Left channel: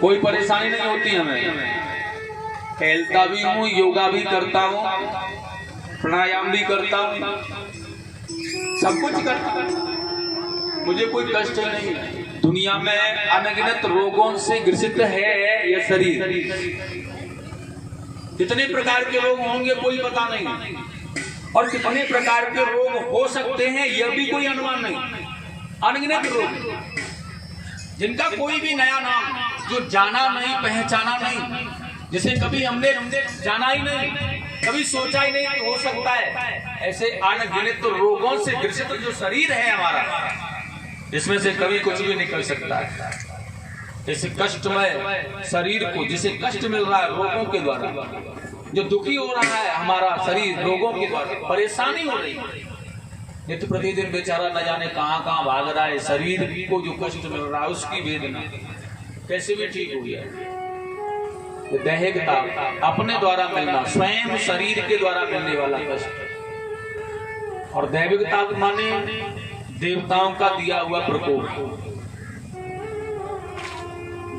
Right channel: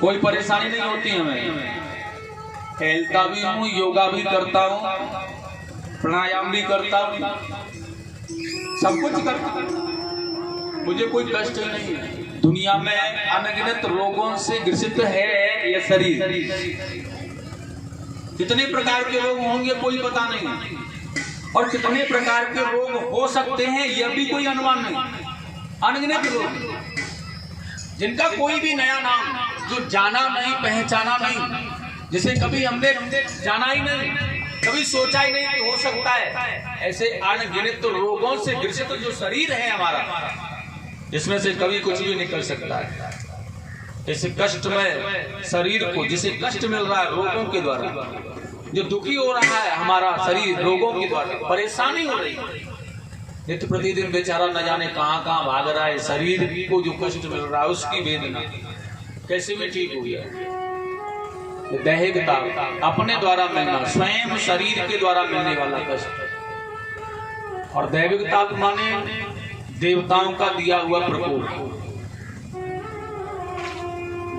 कोई परेशानी नहीं होती हमें। टहलता भी हूँ, योगा भी करता हूँ, प्राणायाम भी करता हूँ, सब कुछ करता हूँ, मुझे कोई कष्ट नहीं है। दुनिया में अनगिनत रोगों से ग्रसित है यह शरीर। कितने प्रकार के रोग होंगे कोई पता नहीं, और कितने प्रकार के रोग हो सकते हैं यह भी कोई अनुमान नहीं। अनगिनत रोग जिनका कोई भी नया नाम जो जाना नहीं, पहचाना नहीं, जिसे कभी हमने जाना ही नहीं, कभी सोचा ही नहीं कि हो सकता है, ऐसे अनगिनत रोगों से ग्रसित जो शरीर है हमारा, इसमें से कभी कुछ भी निकल सकता है। इस कष्टमय शरीर को, जिसे कष्ट मिल रहा है रोगों के द्वारा, जो दुखी हो रहा है हमारा शरीर रोगों के द्वारा, परेशानी हो रही है, नित्य प्रतिदिन बेचारा न जाने कहां कहां भाग रहा है। शरीर को जो कष्ट मिल रहा है उसकी वेदना कैसे भी ठीक हुई है। दैहिक ताप अपने द्वारा मिलना, स्वयं शरीर के द्वारा मिलने वाला कष्ट। और दैविक ताप माने देवताओं का दिया हुआ प्रकोप।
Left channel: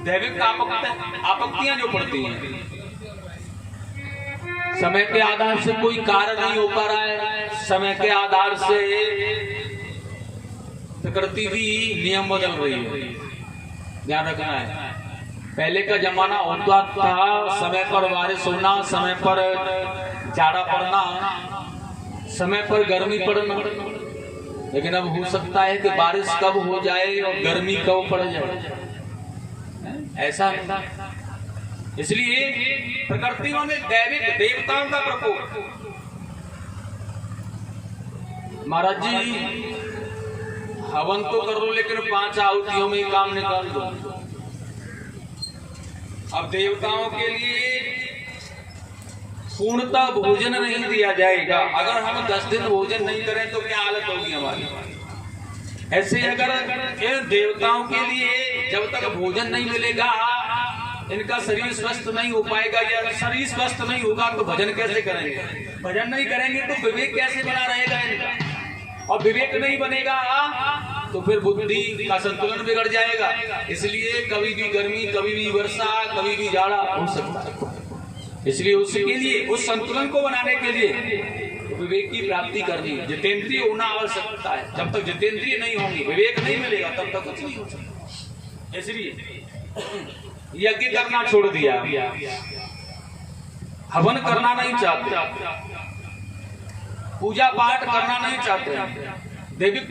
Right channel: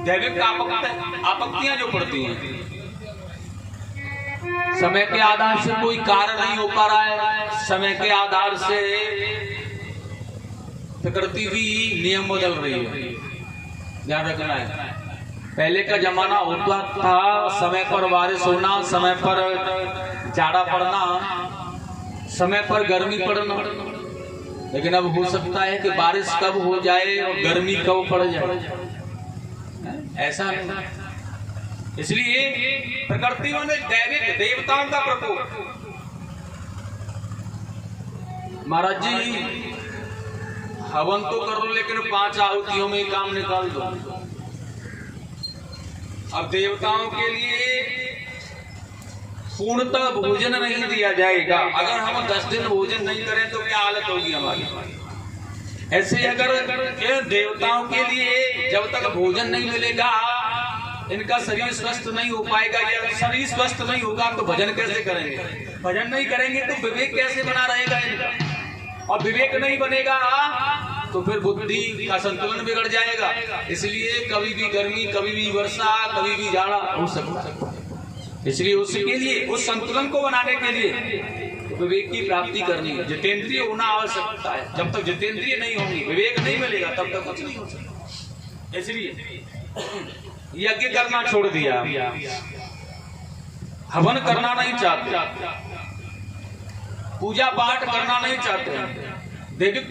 दैविक आपत्तियां जो पड़ती हैं, समय के आधार से कोई कार्य नहीं हो पा रहा है, समय के आधार से प्रकृति भी नियम बदल रही है, ध्यान रखना है। पहले का जमाना होता था समय पर बारिश होना, समय पर जाड़ा पड़ना, समय पर गर्मी पड़ना, लेकिन अब हो सकता है कि बारिश कब हो जाए और गर्मी कब पड़ जाए, ऐसा नहीं। इसलिए प्रकृति में दैविक देवताओं का प्रकोप। महाराज जी हवन तो कर लो, लेकिन 5 आहुतियों में ही काम निकाल दो। अब देवताओं के लिए पूर्णतः भोजन नहीं दिया जाएगा। अगर हम 10 दिन भोजन नहीं करें तो क्या हालत होगी हमारी। ऐसे अगर देवताओं के लिए जब तक भोजन नहीं मिलेगा इनका शरीर स्वस्थ नहीं हो पाएगा, या शरीर स्वस्थ नहीं होगा तो भजन कैसे करेंगे। भजन नहीं करेंगे तो विवेक कैसे बना रहेगा इनका, और विवेक नहीं बनेगा तो फिर बुद्धि का संतुलन बिगड़ जाएगा। इसलिए कभी भी गर्मी, कभी भी वर्षा, कभी भी जाड़ा हो सकता है। इसलिए उसके लिए, उस संतुलन को बनाने के लिए विवेक की प्राप्ति करनी है, जितेंद्रिय होना आवश्यकता है। जब तक जितेंद्रिय नहीं होंगे, विवेक नहीं मिलेगा, तब तक कुछ नहीं हो सकता। इसलिए यज्ञ करना छोड़ दिया, हवन करना नहीं चाहते, पूजा पाठ करना नहीं चाहते। दैविक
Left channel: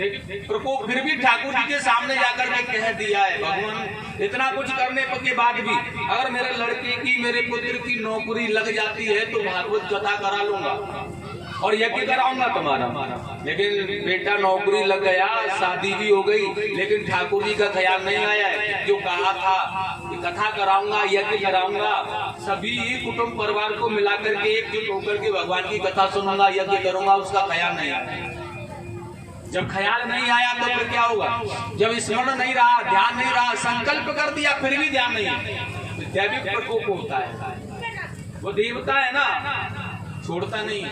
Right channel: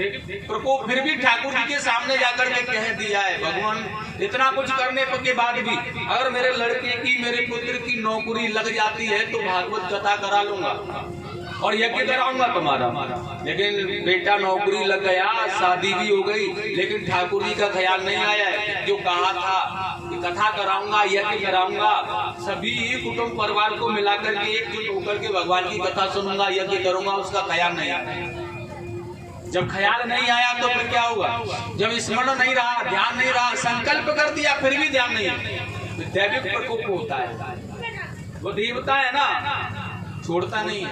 प्रकोप फिर भी ठाकुर जी के सामने जाकर के कह दिया है, भगवान इतना कुछ करने के बाद भी अगर मेरे लड़के की, मेरे पुत्र की नौकरी लग जाती है तो भागवत कथा करा लूंगा और यज्ञ कराऊंगा तुम्हारा। लेकिन बेटा नौकरी लग गया, शादी भी हो गई, लेकिन ठाकुर जी का ख्याल नहीं आया है। जो कहा था कि कथा कराऊंगा, यज्ञ कराऊंगा, सभी कुटुंब परिवार को मिलाकर के एकजुट होकर के भगवान की कथा सुनूंगा, यज्ञ करूंगा, उसका ख्याल नहीं आया। जब ख्याल नहीं आया तो फिर क्या होगा। जब स्मरण नहीं रहा, ध्यान नहीं रहा, संकल्प कर दिया फिर भी ध्यान नहीं, तो दैविक प्रकोप होता है। वो देवता है ना, छोड़ता नहीं है।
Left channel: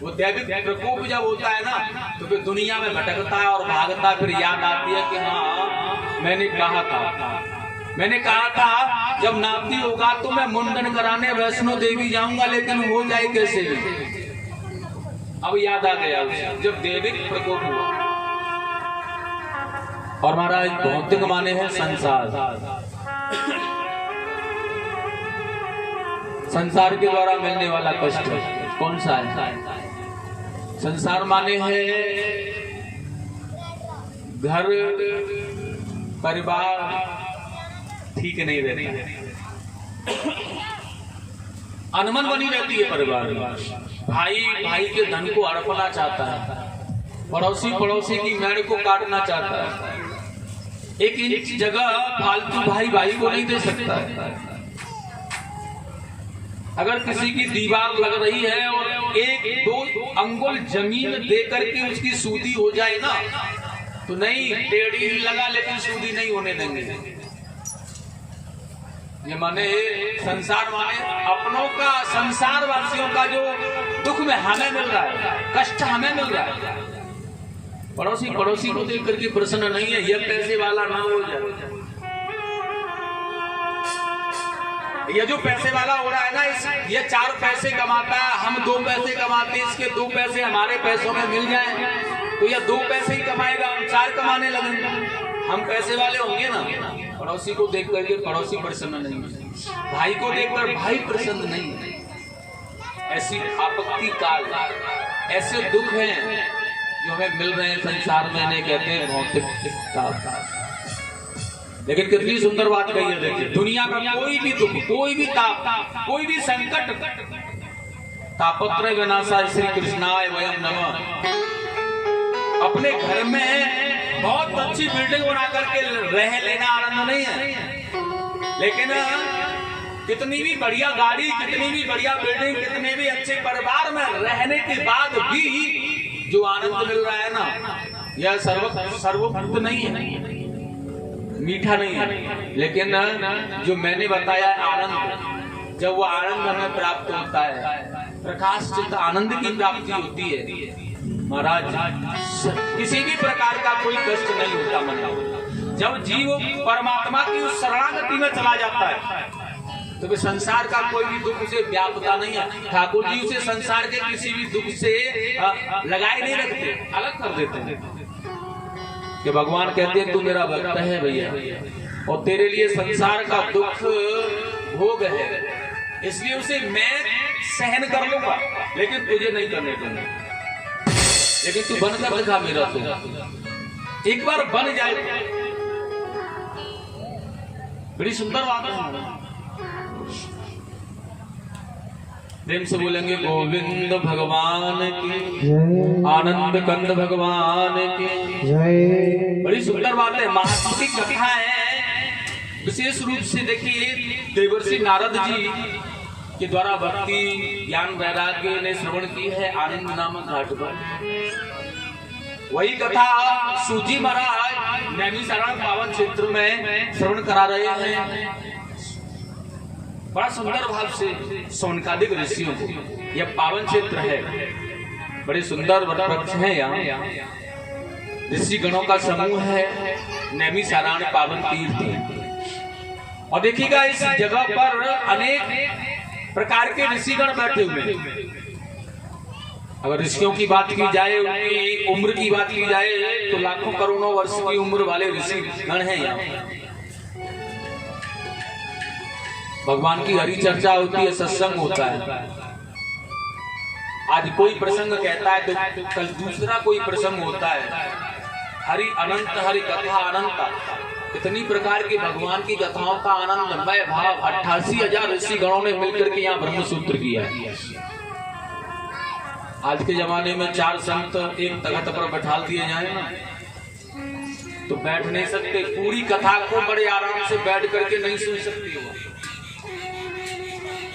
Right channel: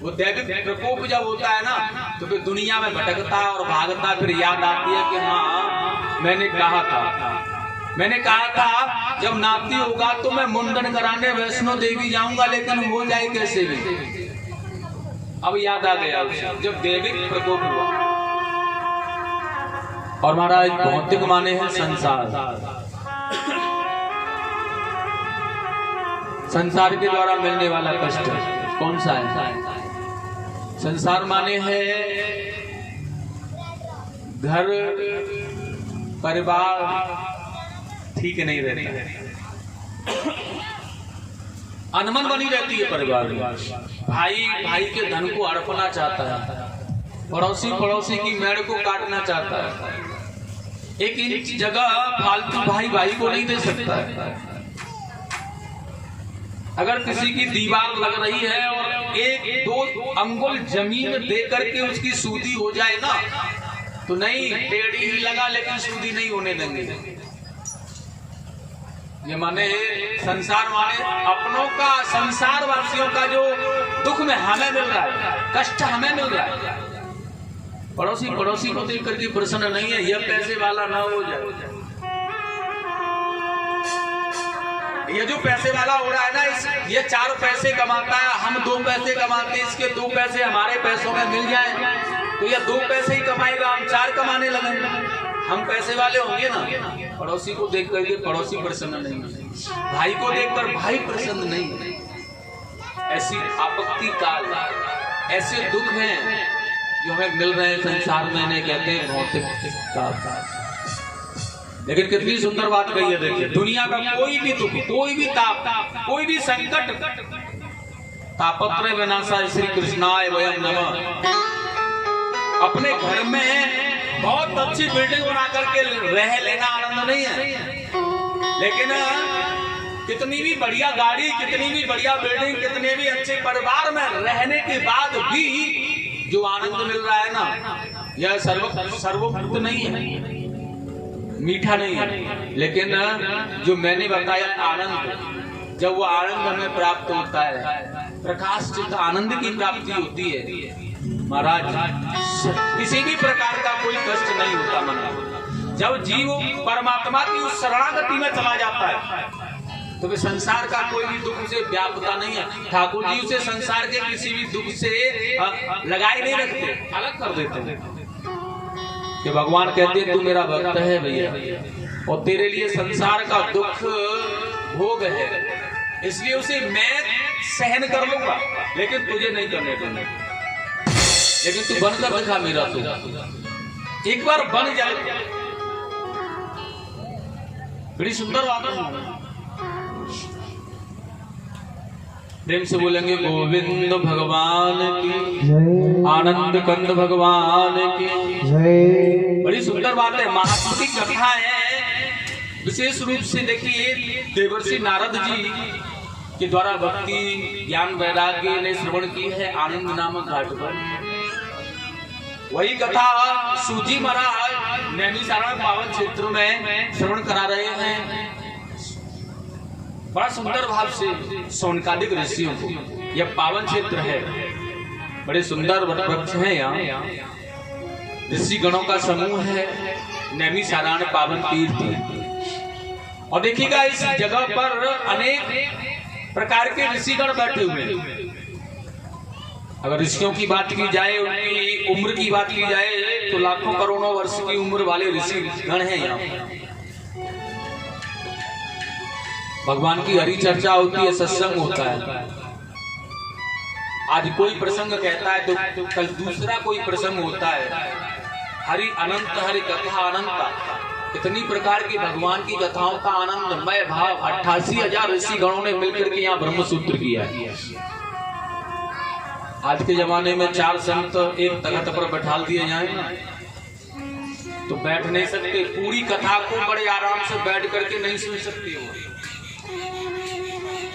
वो दैविक प्रकोप जब होता है ना तो फिर दुनिया में भटकता है और भागता है। फिर याद आती है कि हाँ मैंने कहा था जब नाती होगा तो मैं मुंडन कराने वैष्णो देवी जाऊंगा, लेकिन हो जाए कैसे भी। अब याद आ गया जब दैविक प्रकोप हुआ। और महाराज भौतिक माने है संसार, संसार के द्वारा मिलने वाला कष्ट कौन सा है। संसार माने है घर परिवार ठीक नहीं रहता है, अनमन बनी रहती है परिवार में। भाई भाई के धन को हड़पना चाहता है, पड़ोसी पड़ोसी की मेड़ को काटना चाहता है, एक इंच जगह फालतू भाई भाई को नहीं दे सकता है। अगर किसी की दीवार लग रही है और 1-2 अंगुल जमीन दे करके उसकी सूदी हो जाए ना तो नहीं, टेढ़ी ही लगा लेकिन सूदी नहीं होने देंगे। ये माने संसार माने अपनों का, संसार वासियों का जो दुख में हमें मिल रहा है, कष्ट हमें मिल रहा है, पड़ोसी पड़ोसी को देख करके प्रसन्न नहीं है। ये पैसे वाला ना हो जाए, ये जो पैसे वाला हो रहा है ना, ये 4 पैसे कमाता है, हम 2 पैसे कमाते हैं, इसके 2 पैसे हमारे पैसों में मिल जाए तो ये 2 पैसे ही कमाएगा, हम 4 कमाने लगेंगे। हम पैसे वाले होंगे ना, पड़ोसी को देख करके पड़ोसी प्रसन्न नहीं, भाई को देखकर भाई प्रसन्न नहीं। ऐसी आपत्ति काल, ऐसे दुख हैं जो हमें मिल रहे हैं संसार में, इन्हें कहते हैं भौतिक। लेकिन कितनी सुंदर बात कही है, देखिए दुनिया में कोई भी दुख, कोई भी ताप, कोई भी संकट, तापत्रय विनाशाय श्री कृष्णाय वयं नमः। अपने घर में बहुत अच्छी बिल्डिंग बना करके रह लेना आनंद नहीं है, लेकिन कितनी भी बढ़िया गाड़ी, कितनी भी बढ़िया बिल्डिंग, कितने भी अच्छे परिवार में रहने के बाद भी जो आनंद मिल रहा है ना, यह सर्वभूत नहीं है, मीठा नहीं है। लेकिन जो मैंने बताया आनंद, जब वो आनंद हमें प्राप्त होता है, प्रकाश चित्त आनंद की प्राप्ति होती है महाराज, किसी भी प्रकार का कोई कष्ट नहीं होता मन। जब जीव परमात्मा की उस शरणागति में चला जाता है तो वे संसार का कोई भी दुख उसे व्यापता नहीं है। ठाकुर जी उसे संसार के किसी भी दुख से लगाए नहीं रखते, अलग कर देते हैं। कि भगवान कहते हैं तू मेरा भक्त है भैया, और तेरे लिए संसार का दुख भोग है, इसलिए उसे मैं सहन कर लूंगा, लेकिन तुझे नहीं करने दूंगा। लेकिन तू बनकर दिखा मेरा, तू एक बार बन जाए, बड़ी सुंदर बात है। प्रेम से बोलेंगे गोविंद भगवान की, आनंद कंद भगवान की जय। बड़ी सुंदर बात है, महात्मा की कथा है। विशेष रूप से देखिए देवर्षि नारद जी के द्वारा भक्ति ज्ञान वैराग्य ने श्रवण की है आनंद नामक घाट पर। वही कथा सूजी महाराज नैमिषारण्य पावन क्षेत्र में श्रवण करा रहे हैं। बड़ा सुंदर भाव से सौनकादिक ऋषियों को, यह पावन क्षेत्र है, बड़े सुंदर वृक्ष है, यहाँ ऋषि गणों का समूह है, नैमिषारण्य पावन तीर्थ। और देखिएगा इस जगह पर अनेक प्रकार के ऋषिगण बैठे हुए हैं। अगर ऋषियों की बात की जाए, उनकी उम्र की बात की जाए तो लाखों करोड़ों वर्ष की उम्र वाले ऋषिगण हैं यहाँ। भगवान की हरि चर्चा होती है, सत्संग होता है। आज कोई प्रसंग कहता है तो कल दूसरा कोई प्रसंग होता है। हरि अनंत, हरि कथा अनंत, इतनी प्रकार की भगवान की कथाओं का आनंदमय भाव 88,000 ऋषि गणों ने मिलकर के यहाँ ब्रह्मसूत्र किया। आज के जमाने में 4 संत एक तख्त पर बैठा दिए जाए ना तो बैठ नहीं सकते, पूरी कथा को बड़े आराम से बैठ करके नहीं सुन सकते हो।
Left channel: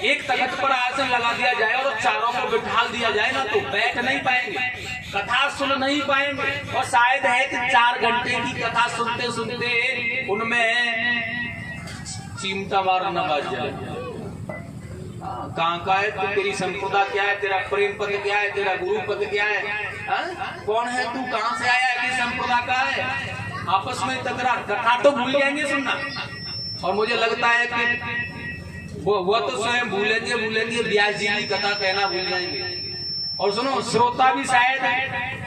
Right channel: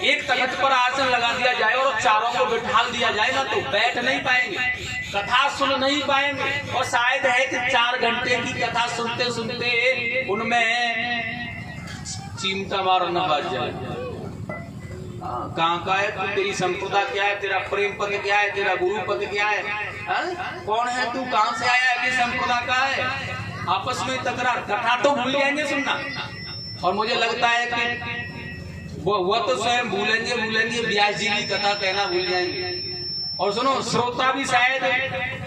एक तख्त पर आसन लगा दिया जाए और चारों को बिठा दिया जाए ना तो बैठ नहीं पाएंगे, कथा सुन नहीं पाएंगे। और शायद है कि 4 घंटे की कथा सुनते सुनते उनमें चिमटा मारना बच जाए। कहाँ का है तू, तेरी संप्रदा क्या है, तेरा प्रेम पद क्या है, तेरा गुरु पद क्या है, कौन है तू, कहाँ से आया है, संप्रदा का है, आपस में तकरार। कथा तो भूल जाएंगे सुनना, और मुझे लगता है कि वो तो स्वयं भूलेंगे, व्यास जी की कथा कहना भूल जाएंगे, और सुनो श्रोता भी शायद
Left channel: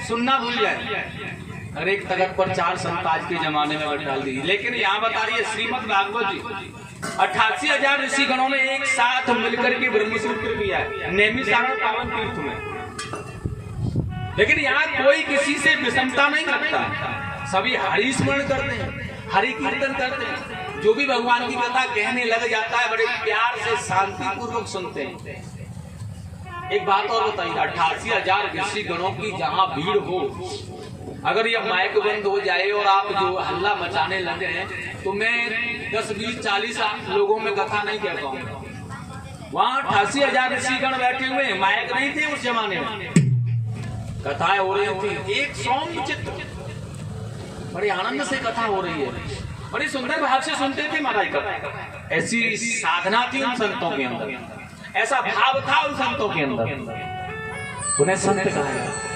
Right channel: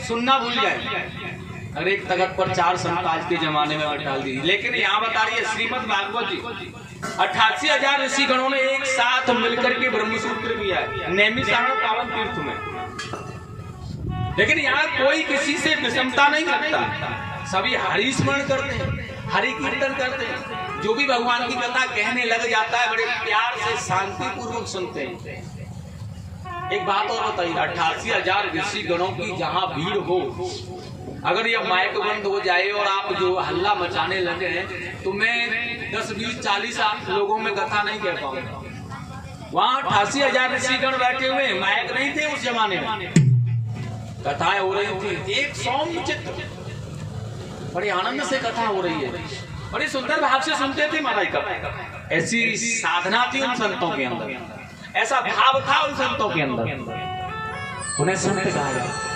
सुनना भूल जाए। अरे एक तख्त पर 4 संत आज के जमाने में बैठा दी। लेकिन यहाँ बता रही है श्रीमद् भागवत जी, 88,000 ऋषि गणों ने एक साथ मिलकर के ब्रह्मसूत्र किया है नैमिषारण्य पावन तीर्थ में। लेकिन यहाँ कोई किसी से विषमता नहीं रखता, सभी हरि स्मरण करते हैं, हरि कीर्तन करते हैं। जो भी भगवान की कथा कहने लग जाता है बड़े प्यार से शांति पूर्वक सुनते हैं। एक बात और बताइए, 88,000 ऋषि गणों की जहाँ भीड़ हो, अगर यह माइक बंद हो जाए और आप जो हल्ला मचाने लगे तो मैं 10, 20, 40 लोगों में कथा नहीं कह पाऊंगा। वहाँ 88,000 ऋषिगण बैठे हुए, माइक नहीं थे उस जमाने में, कथाएं हो रही थी, एक सौम्य चित्त, बड़ी आनंद से कथा हो रही है, बड़ी सुंदर भाव से सुनते थे महाराज कथा। ऐसी साधना थी उन संतों के अंदर, ऐसा भाव था उन संतों के अंदर, उन्हें संत कहा जाता।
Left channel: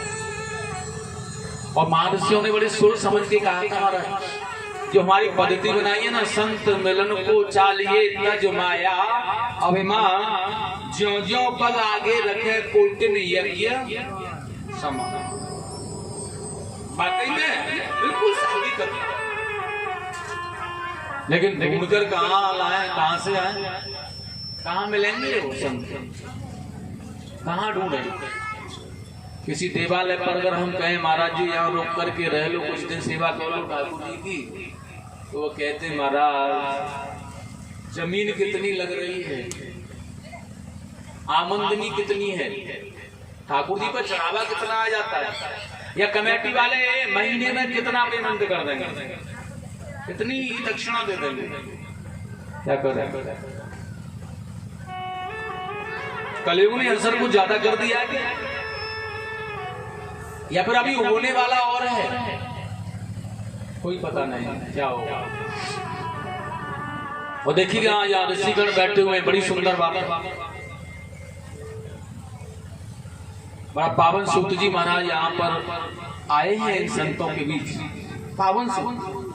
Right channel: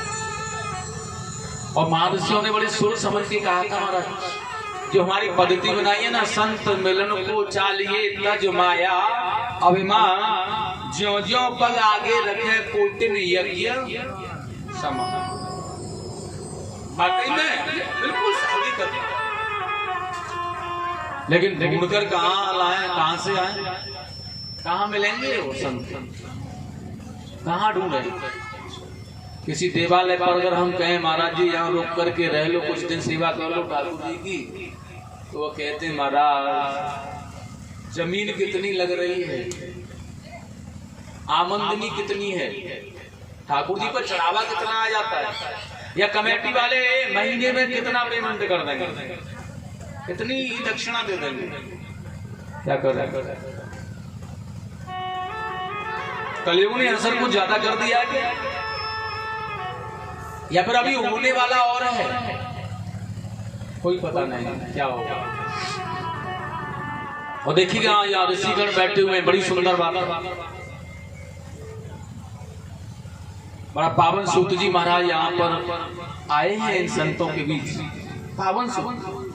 और महर्षियों ने बड़े सोच समझ के कहा था महाराज जो हमारी पद्धति बनाई है ना, संत मिलन को चालिए तज माया अभिमान, ज्यों ज्यों पग आगे रखे कोटिन यज्ञ समा। वाकई में बिल्कुल सही कथन। लेकिन ढूंढकर कहाँ लाए, कहाँ से आए, कहाँ मिलेंगे वो संत, कहाँ ढूंढे? किसी देवालय पर अगर हम कहें महाराज जी यहाँ रोक करके रह लो, कुछ दिन सेवा कर लो ठाकुर जी की, तो वो कहते महाराज जमीन कितनी लग रही है, आमदनी कितनी है, ठाकुर जी पर चढ़ावा कितना आ जाता है, या कमेटी वाले महीने में कितना पेमेंट कर देंगे, कितनी दक्षिणा दे देंगे, क्या कर रहे हैं? कलयुग ने असर कुछ ज्यादा कर दिया है या फिर अभी होने वाला और है, कोई पता नहीं क्या होगा। और देखिएगा यहाँ ऋषिगण बैठे हुए, बड़ी सुंदर बात, बड़ा पावन सूत जी महाराज यहाँ पर आए हैं इन संतों के बीच, पावन सूत।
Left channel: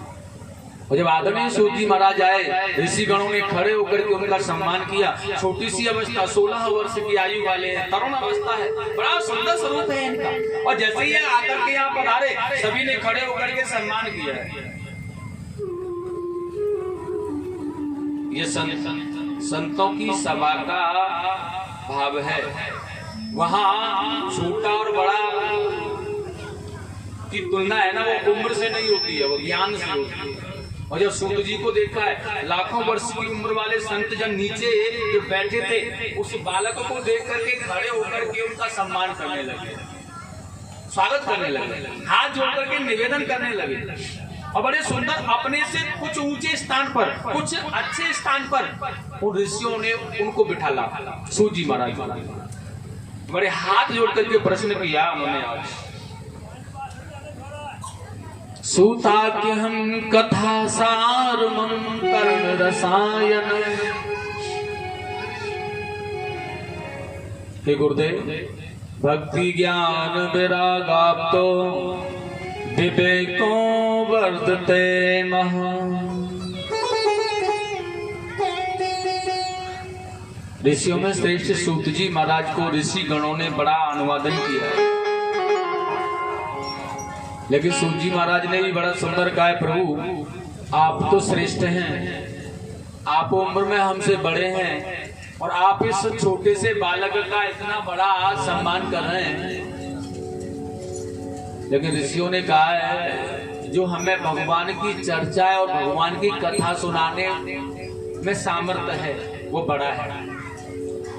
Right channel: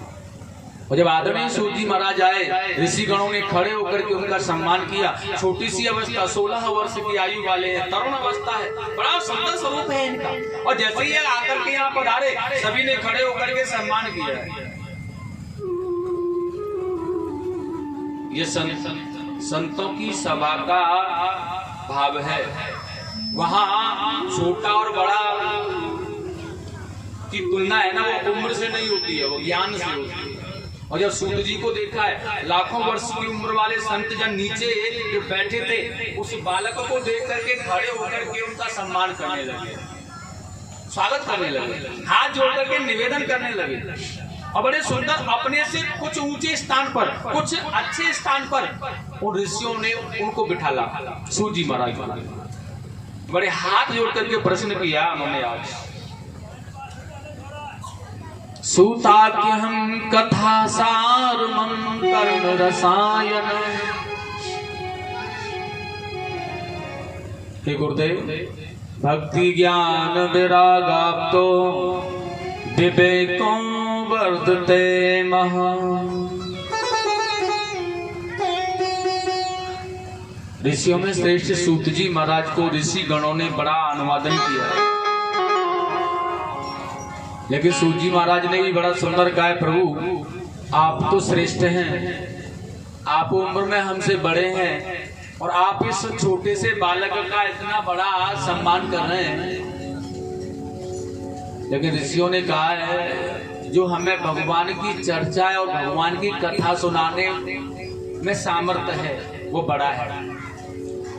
और जब आदरणीय सूत जी महाराज आए, ऋषि गणों ने खड़े होकर के उनका सम्मान किया। छोटी सी अवस्था, 16 वर्ष की आयु वाले हैं, तरुण अवस्था है, बड़ा सुंदर स्वरूप है इनका। और जैसे ही आकर के यहाँ पर आ रहे, सभी ने खड़े होकर के सम्मान किया है। ये संतों की सभा का भाव है। वहाँ छोटा और बड़ा की तुलना है ना, वो उम्र से नहीं होती है, वो ज्ञान से होती है। और जब सूत जी को देखा है, लाखों वर्ष की उम्र वाले संत जन नीचे जो बैठे थे, उस बालक को देख करके खड़े होकर के उनका सम्मान करने लगे, स्वागत करने लगे, हाथ जोड़ करके निवेदन करने लगे। और बड़े सुंदर, अपने से कुछ ऊंचे स्थान पर, कुछ अच्छे स्थान पर उन ऋषियों ने उनको बिठाला। सूत जी महाराज बड़े हाथ जोड़ करके प्रश्न किया उन्होंने, आज सूताख्यहं कथा सारमं कर्ण रसायन। हे गुरुदेव, भक्ति ज्ञान विरागाप्तो विवेको वर्धते महा। ऋषियों में श्रेष्ठ सूत जी महाराज को ऋषि गणों ने बड़ा अनुवादन किया है। लेकिन सूत जी महाराज ने भी बड़ा सुंदर कहा है, प्रभु आप तो श्रेष्ठ हैं, आप उम्र में हमसे बड़े हैं और आप इस छोटे से बालक का इतना बड़ा सम्मान कर रहे हैं। लेकिन ऋषियों ने कहा है, जो हमें भगवान की चर्चा और भगवान की कथा सुनाने में सामर्थ्य है वो बड़ा है,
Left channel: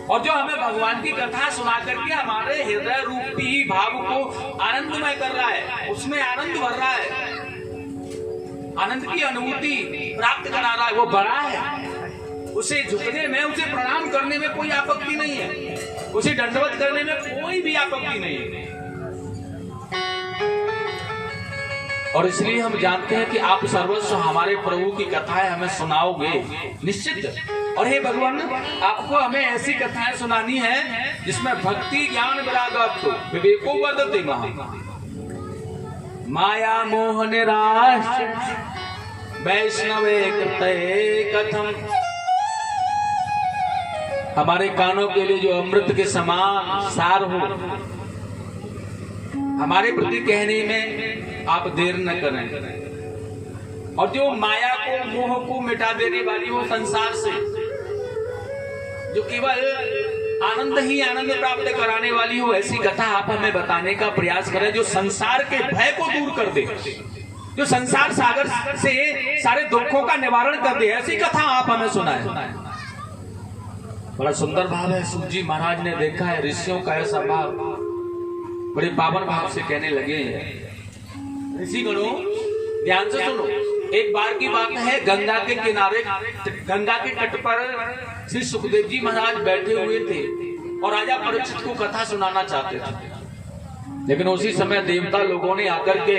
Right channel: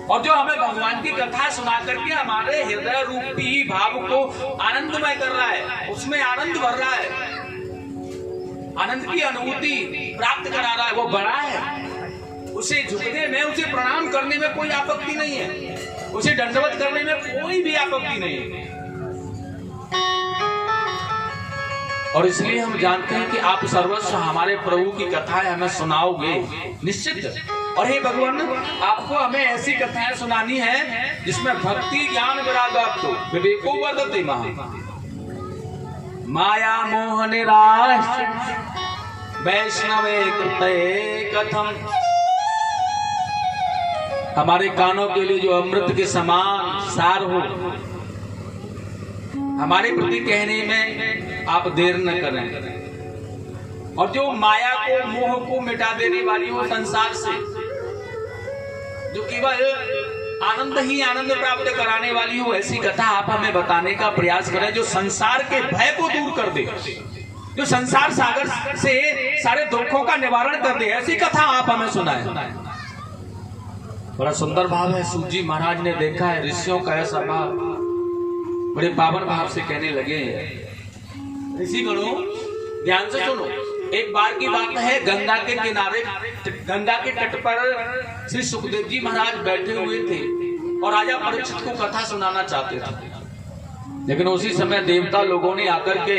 और जो हमें भगवान की कथा सुना करके हमारे हृदय रूपी भाव को आनंदमय कर रहा है, उसमें आनंद भर रहा है, आनंद की अनुभूति प्राप्त करा रहा है, वो बड़ा है। उसे झुकने में, उसे प्रणाम करने में कोई आपत्ति नहीं है, उसे दंडवत करने में कोई भी आपत्ति नहीं है। और इसलिए हम जानते हैं कि आप सर्वस्व हमारे प्रभु की कथाएं हमें सुनाओगे निश्चित। और हे भगवान, आपको हमें ऐसी कथाएं सुनानी है जिसमें भक्ति ज्ञान विरागाप्तो विवेको वर्धते महा। माया मोह निराश वैष्णवे कृते कथम। हमारे कानों के लिए जो अमृत के समान सार हो, हमारे प्रति कहने में आप देर न करें। और जो माया को, मोह को मिटा देने वाली हो संसार से, जो केवल आनंद ही आनंद प्राप्त कराने वाली हो, ऐसी कथा आप हमें बताने का प्रयास करें, जो संसार के भय को दूर कर दे, जो संसार सागर से सारे दुखों का निवारण कर दे, ऐसी कथा आप हमें सुनाएं। बड़ा सुंदर भाव है। सूत जी महाराज ने देखा है ऋषियों का ऐसा भाव, बड़े पावन भाव से कहने लगे, ऋषि गणों ध्यान से सुनो। एक बार की बात है, गंगा के किनारे, गंगा के तट पर श्री सुखदेव जी महाराज बैठे हुए थे और राजा परीक्षित को कथा सुनाना चाहते थे। लेकिन उसी समय देवता लोगों ने आकर के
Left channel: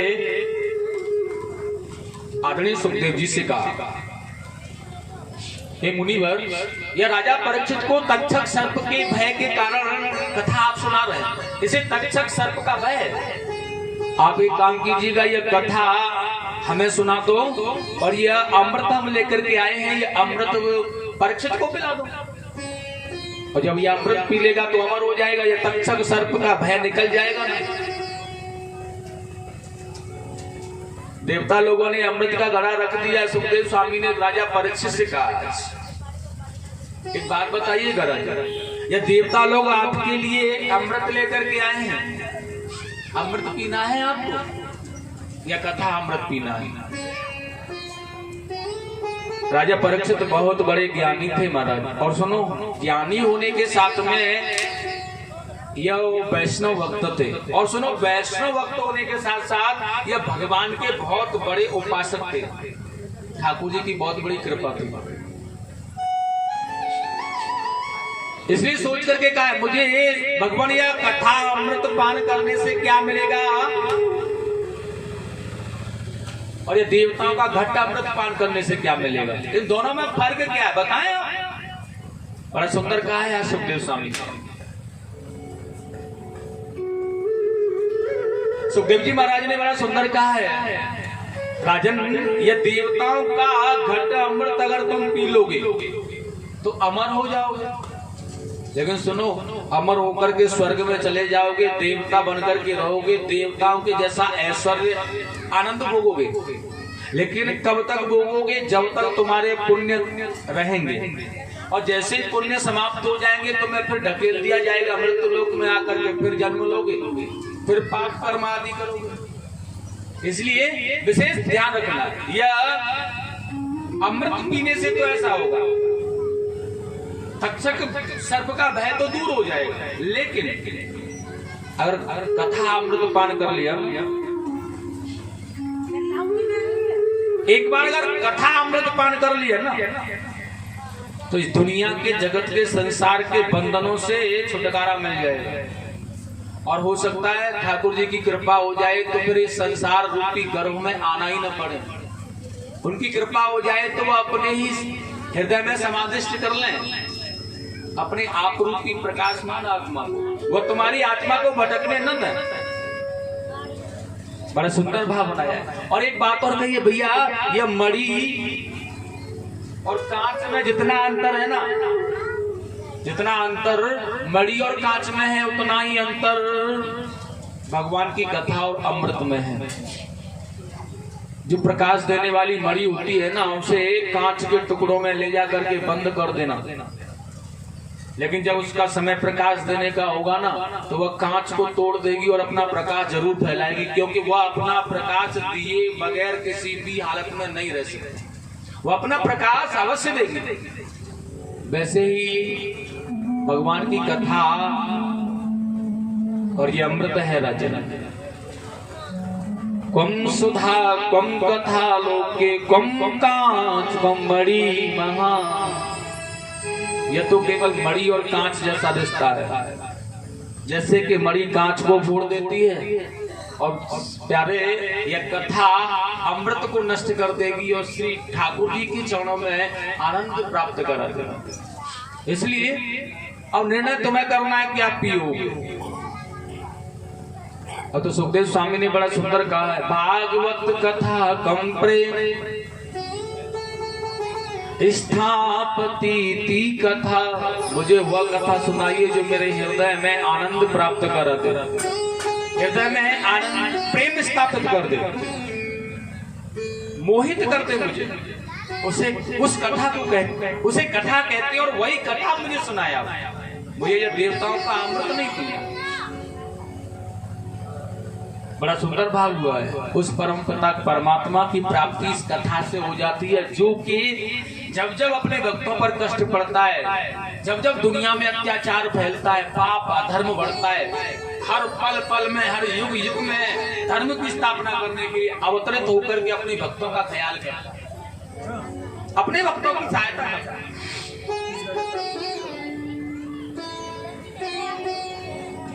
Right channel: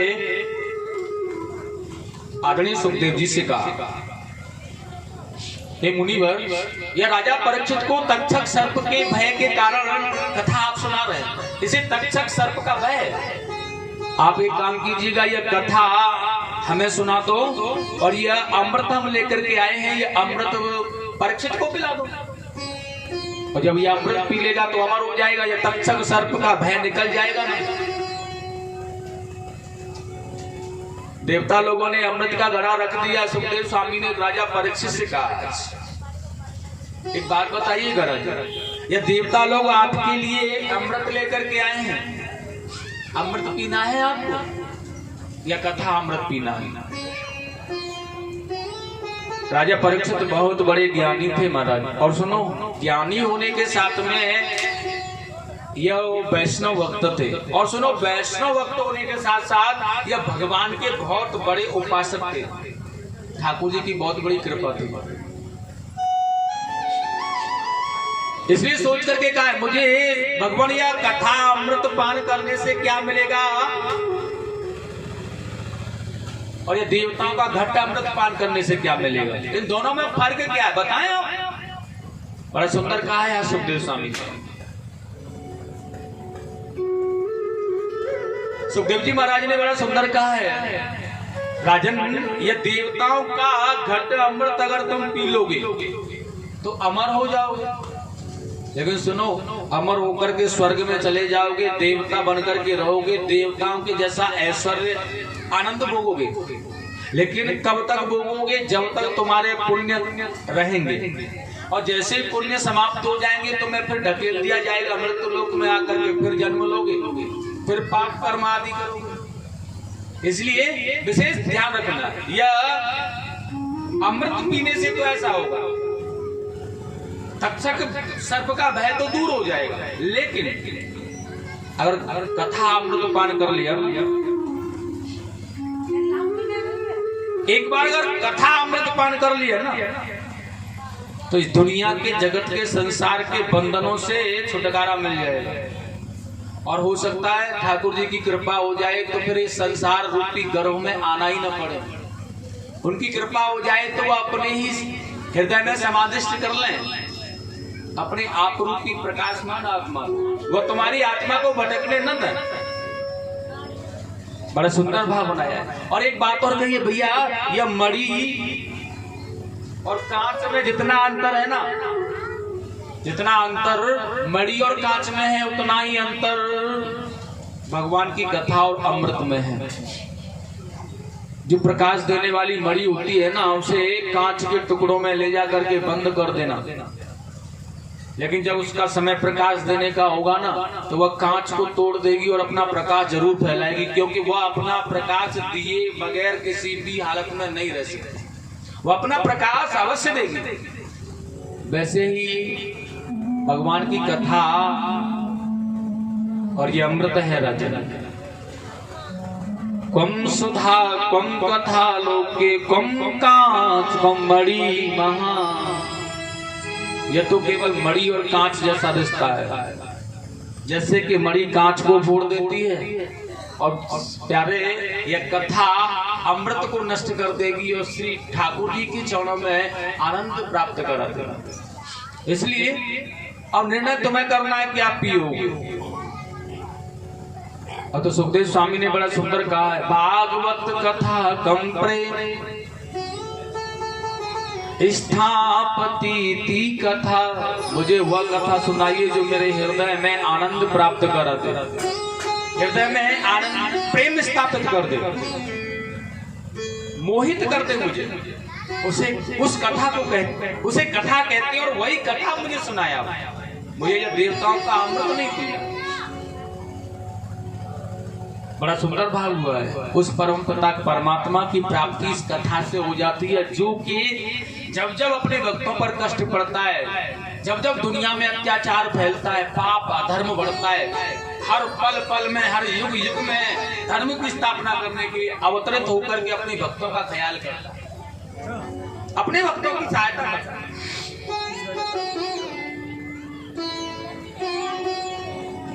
आदरणीय सुखदेव जी से कहा, हे मुनिवर, यह राजा परीक्षित को तक्षक सर्प के भय के कारण कथा आप सुना रहे हैं, इसे तक्षक सर्प का भय है। आप एक काम कीजिएगा, यह कथा हमें सुना दो, और ये अमृत हम लेकर के आए हैं, ये अमृत परीक्षित को पिला दो। और जब ये अमृत पी लेगा तो अमर हो जाएगा, ये तक्षक सर्प का भय निकल जाएगा ना। देवता लोगों ने अमृत का घड़ा रख दिया। सुखदेव स्वामी ने राजा परीक्षित से कहा, एक बात बताइए गरज, ये देवता लोग आपके लिए अमृत लेकर के आए हैं, अमृत पीना है आपको या कथा अमृत पीना है? राजा परीक्षित बहुत बड़े ज्ञानी थे महाराज। और सुनो, ज्ञानी होने के साथ में यह वैष्णव भक्त थे। और सुनो, वैष्णव भक्त होने के साथ साथ यह भगवान के बहुत बड़े उपासक थे। ठाकुर जी की बहुत बड़ी कृपा थी। इसलिए सोच करके कहा, मुझे भगवान या कथा अमृत पान करने से क्या मिलेगा, और ये देवताओं का घट्ट अमृत पान करने से क्या मिलेगा, इन दोनों में फर्क क्या है बताएं आप। बड़ा सुंदर कहा है सुखदेव स्वामी। सुखदेव जी महाराज ने बड़ा सुंदर कहा है, राजन ये देवताओं का घट अमृत अगर तुम पी लोगे तो अमर हो जाओगे। लेकिन सुनो, अमर होकर के स्वर्ग में चले जाओगे, देवता बनकर के रहोगे, देवताओं के जैसा ऐश्वर्य आनंद भोगोगे। लेकिन कब तक भोगोगे, जब तक तुम्हारे पुण्य रहेंगे। और जैसे ही पुण्य समाप्त हो जाएंगे तो मैं फिर ढकेल दिया जाएगा मृत्यु लोक में आकर के, फिर जन्म लोगे, फिर पाप कर्म आदि करोगे। इसलिए विशेष ध्यान रखना, यह अमृत पीने से तो ऐसा होगा, तक्षक सर्प का भय तो दूर हो जाएगा। लेकिन अगर कथा अमृत पान कर लिया, एक बार अगर कथा अमृत पान कर लिया ना, तो इस दुनिया के जगत के संसार के बंधनों से छुटकारा मिल जाएगा। और हो सकता है ठाकुर जी की कृपा हो जाए तो फिर इस संसार रूपी गर्भ में आना ही न पड़े। उनकी कृपा हो जाए तो वो अपने ही हृदय में समाधिष्ट कर लें अपने आप रूपी प्रकाशमान आत्मा, वो तुम्हारी आत्मा को भटकने न दे। बड़ा सुंदर भाव बनाया है। और एक बात और कहिए भैया, यह मणि और कांच में जितना अंतर है ना, जितना अंतर मणि और कांच में है, उतना ही अंतर भगवान की कथा और अमृत में है। जो प्रकाश देने वाली मणि होती है ना, उसे कांच के टुकड़ों में ले जा करके बंद कर देना, लेकिन जब उसका समय प्रकाश देने का होगा ना, तो वह कांच को तोड़ देगी और अपना प्रकाश जरूर फैलाएगी, क्योंकि वह अपना प्रकाश दिए बगैर किसी भी हालत में नहीं रह सकती। वह अपना प्रकाश अवश्य देगी। वैसे ही भगवान की कथा और ये अमृत है राजन। कम सुधा कम कथा लोके कम कांच कम मणि महा। यह तो केवल मणि और कांच जैसा दिखता है, जैसे कि मणि कांच को फोड़ देती है, और प्यारे यह कथा अमृत को नष्ट कर देगी और श्री ठाकुर जी के चरणों में आनंद प्राप्त करा देगी। इसलिए अब निर्णय तुम्हें करना है कि आप पियोगे। और तो सुखदेव स्वामी ने बड़ा सुंदर कहा है, भागवत कथा कम प्रेम स्थापति कथा। मुझे वह कथा सुनाइए जो मेरे हृदय में आनंद प्राप्त करा दे, हृदय में आनंद प्रेम स्थापित कर दे, मोहित कर दे मुझे। उसे उस कथा को कहते, उसे कथा कहते हैं, और वही कथा मुझे सुनाया। मुझे ये देवताओं का अमृत नहीं पिया। बड़ा सुंदर भाव हुआ है। उस परम पिता परमात्मा की प्राप्ति इस कथा से हो जाती है, जो कि जब जब अपने भक्तों पर कष्ट पड़ता है, जब जब दुनिया में अत्याचार फैलता है, पाप अधर्म बढ़ता है, हर पल पल में, हर युग युग में धर्म की स्थापना करने के लिए अवतरित होकर के अपने भक्तों का ख्याल करता है, अपने भक्तों की सहायता करता है।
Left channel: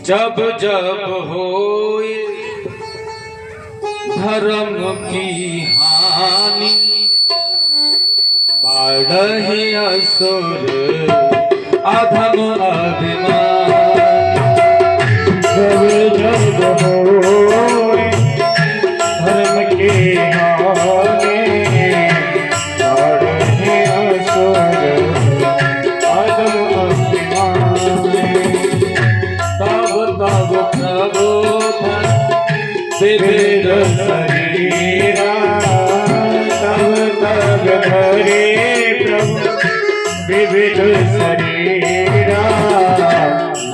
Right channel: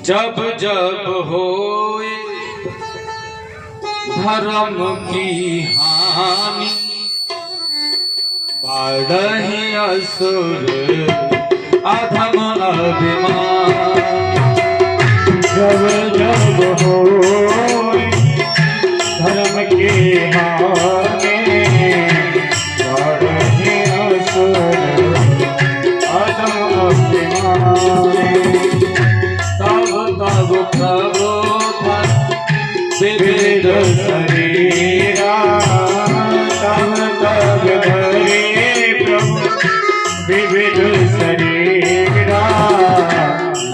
जब जब होए धर्म की हानि, बढ़हि असुर अधम अभिमान। जब जब होए धर्म की हानि, विविध शरीरा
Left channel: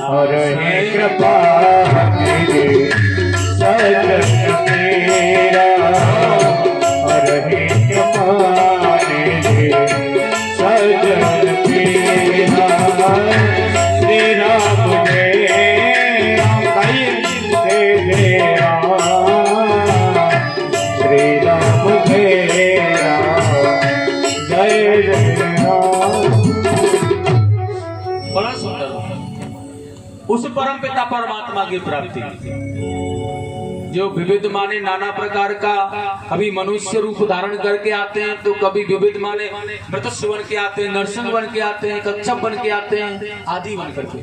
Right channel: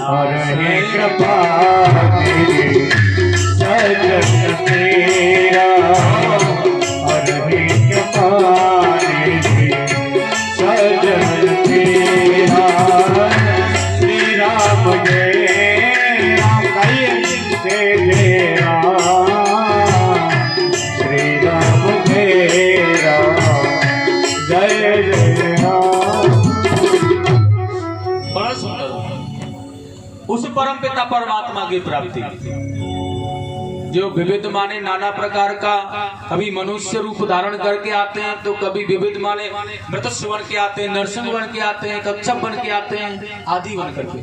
और है कृपा मेरे सजन मेरा और है कृपा मेरे सजन मेरा श्री राम जय राम श्री राम जय राम जय जय राम। बड़ा सुंदर उस परम पिता परमात्मा की प्राप्ति जो विविध माने नाना प्रकार का, कभी मनुष्य रूप धारण करके आते हैं तो कभी विविध माने मृत्सु बन के आते हैं, नरसिंह बन के आते हैं, कच्छप बन के आते हैं, आदि बन करके,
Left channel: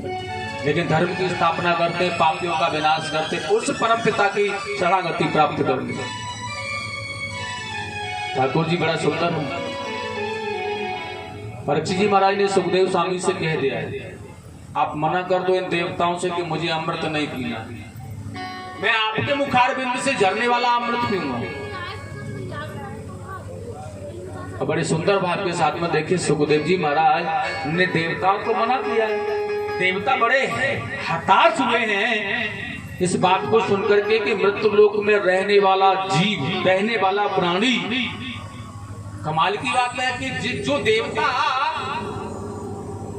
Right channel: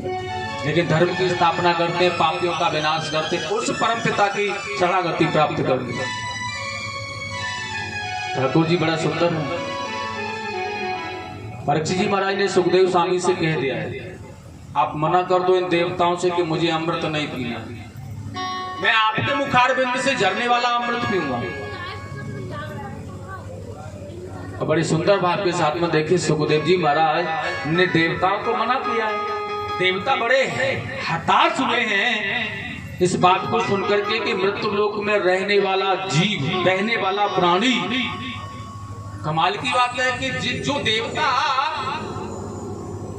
लेकिन धर्म की स्थापना करते हैं, पापियों का विनाश करते हैं, उस परम पिता की शरणागति प्राप्त करते। ठाकुर जी बड़ा सुंदर है। परीक्षित जी महाराज ने सुखदेव स्वामी से कह दिया है, आप मना कर दो इन देवताओं से कि मुझे अमृत नहीं पीना, मैं आपके मुखार बिंद से झरने वाला अमृत पीऊंगा। और बड़ी सुंदर भाव के साथ में देखिए सुखदेव जी महाराज ने देवताओं को मना किया। देवता बड़े हताश हुए हैं इस बात को सुनकर के कि मृत्यु लोक में रहने वाला जीव, रहने वाला प्राणी, कमाल की बात है कि जो देवता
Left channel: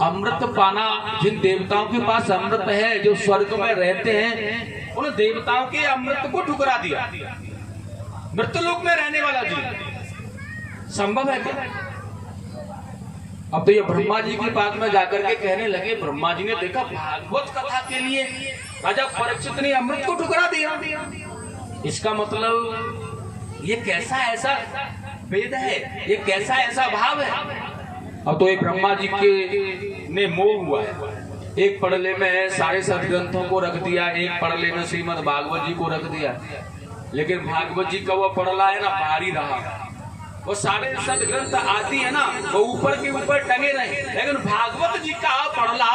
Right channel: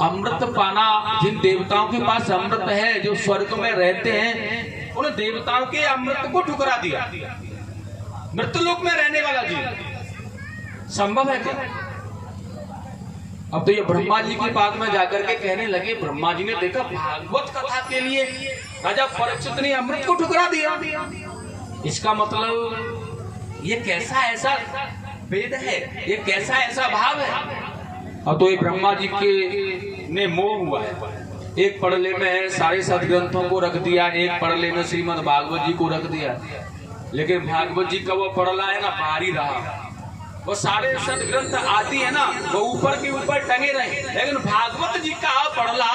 अमृत पाना, जिन देवताओं के पास अमृत है, जो स्वर्ग में रहते हैं, उन देवताओं के अमृत को ठुकरा दिया। मृत्यु लोक में रहने वाला जीव संभव है क्या? अब तो ये ब्रह्मा जी के पास में जाकर के कहने लगे, ब्रह्मा जी ने देखा भागवत कथा के लिए राजा परीक्षित ने अमृत को ठुकरा दिया, इसका मतलब ये कैसा ऐसा वेद है, ये कैसा ऐसा भाव है। अब तो ये ब्रह्मा जी के ने मोह हुआ है, एक पड़ले में सारे सदग्रंथों को रख दिया, एक पड़ले में श्रीमद् भागवत जी को रख दिया, लेकिन भागवत जी का वो पड़ला है ना भारी रहा, वो सारे सदग्रंथ आती है ना वो ऊपर के ऊपर टंगे रहे, लेकिन भागवत जी का पड़ला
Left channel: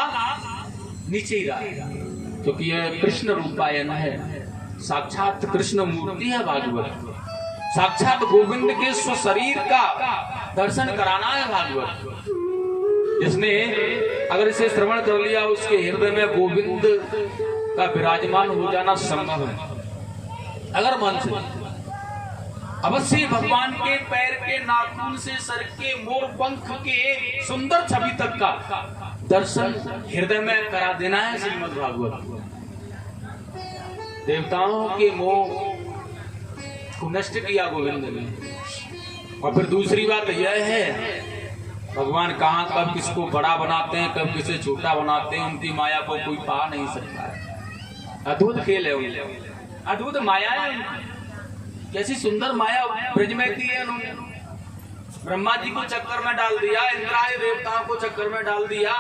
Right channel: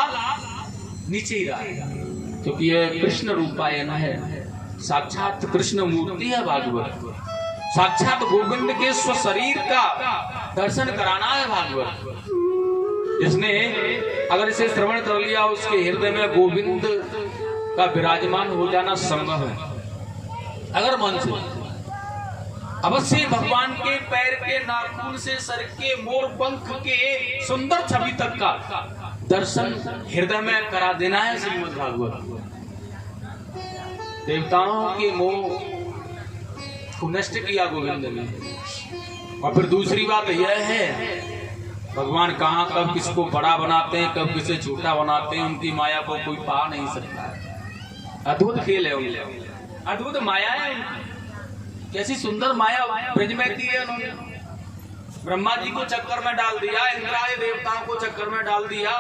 नीचे ही रहा, क्योंकि ये कृष्ण रूपायन है, साक्षात कृष्ण मूर्ति है भागवत, साक्षात गोविंद के स्वशरीर का दर्शन कराना है भागवत। जिसने अगर इसे श्रवण कर लिया उसके हृदय में गोविंद का विराजमान हो जाना संभव है। अगर मन से अवश्य भगवान के पैर के नाखून से सर के मोर पंख के सुंदर छवि तक का दर्शन हृदय में करा देना है श्रीमद् भागवत। देवताओं के मोह को नष्ट किया गोविंद ने। और फिर दूसरी बात यह है, भगवान कहाँ कब किसको बड़ा बनाते हैं, कब किसे छोटा बनाते हैं, उनकी माया को कोई पा नहीं सकता है। अद्भुत खेल है उनके, अद्भुत माया है उनकी। कैसी सुंदर माया ब्रज में की है उन्होंने। ब्रह्मा जी को चक्कर में डाल दिया, इंद्रादि देवताओं को चक्कर में डाल दिया,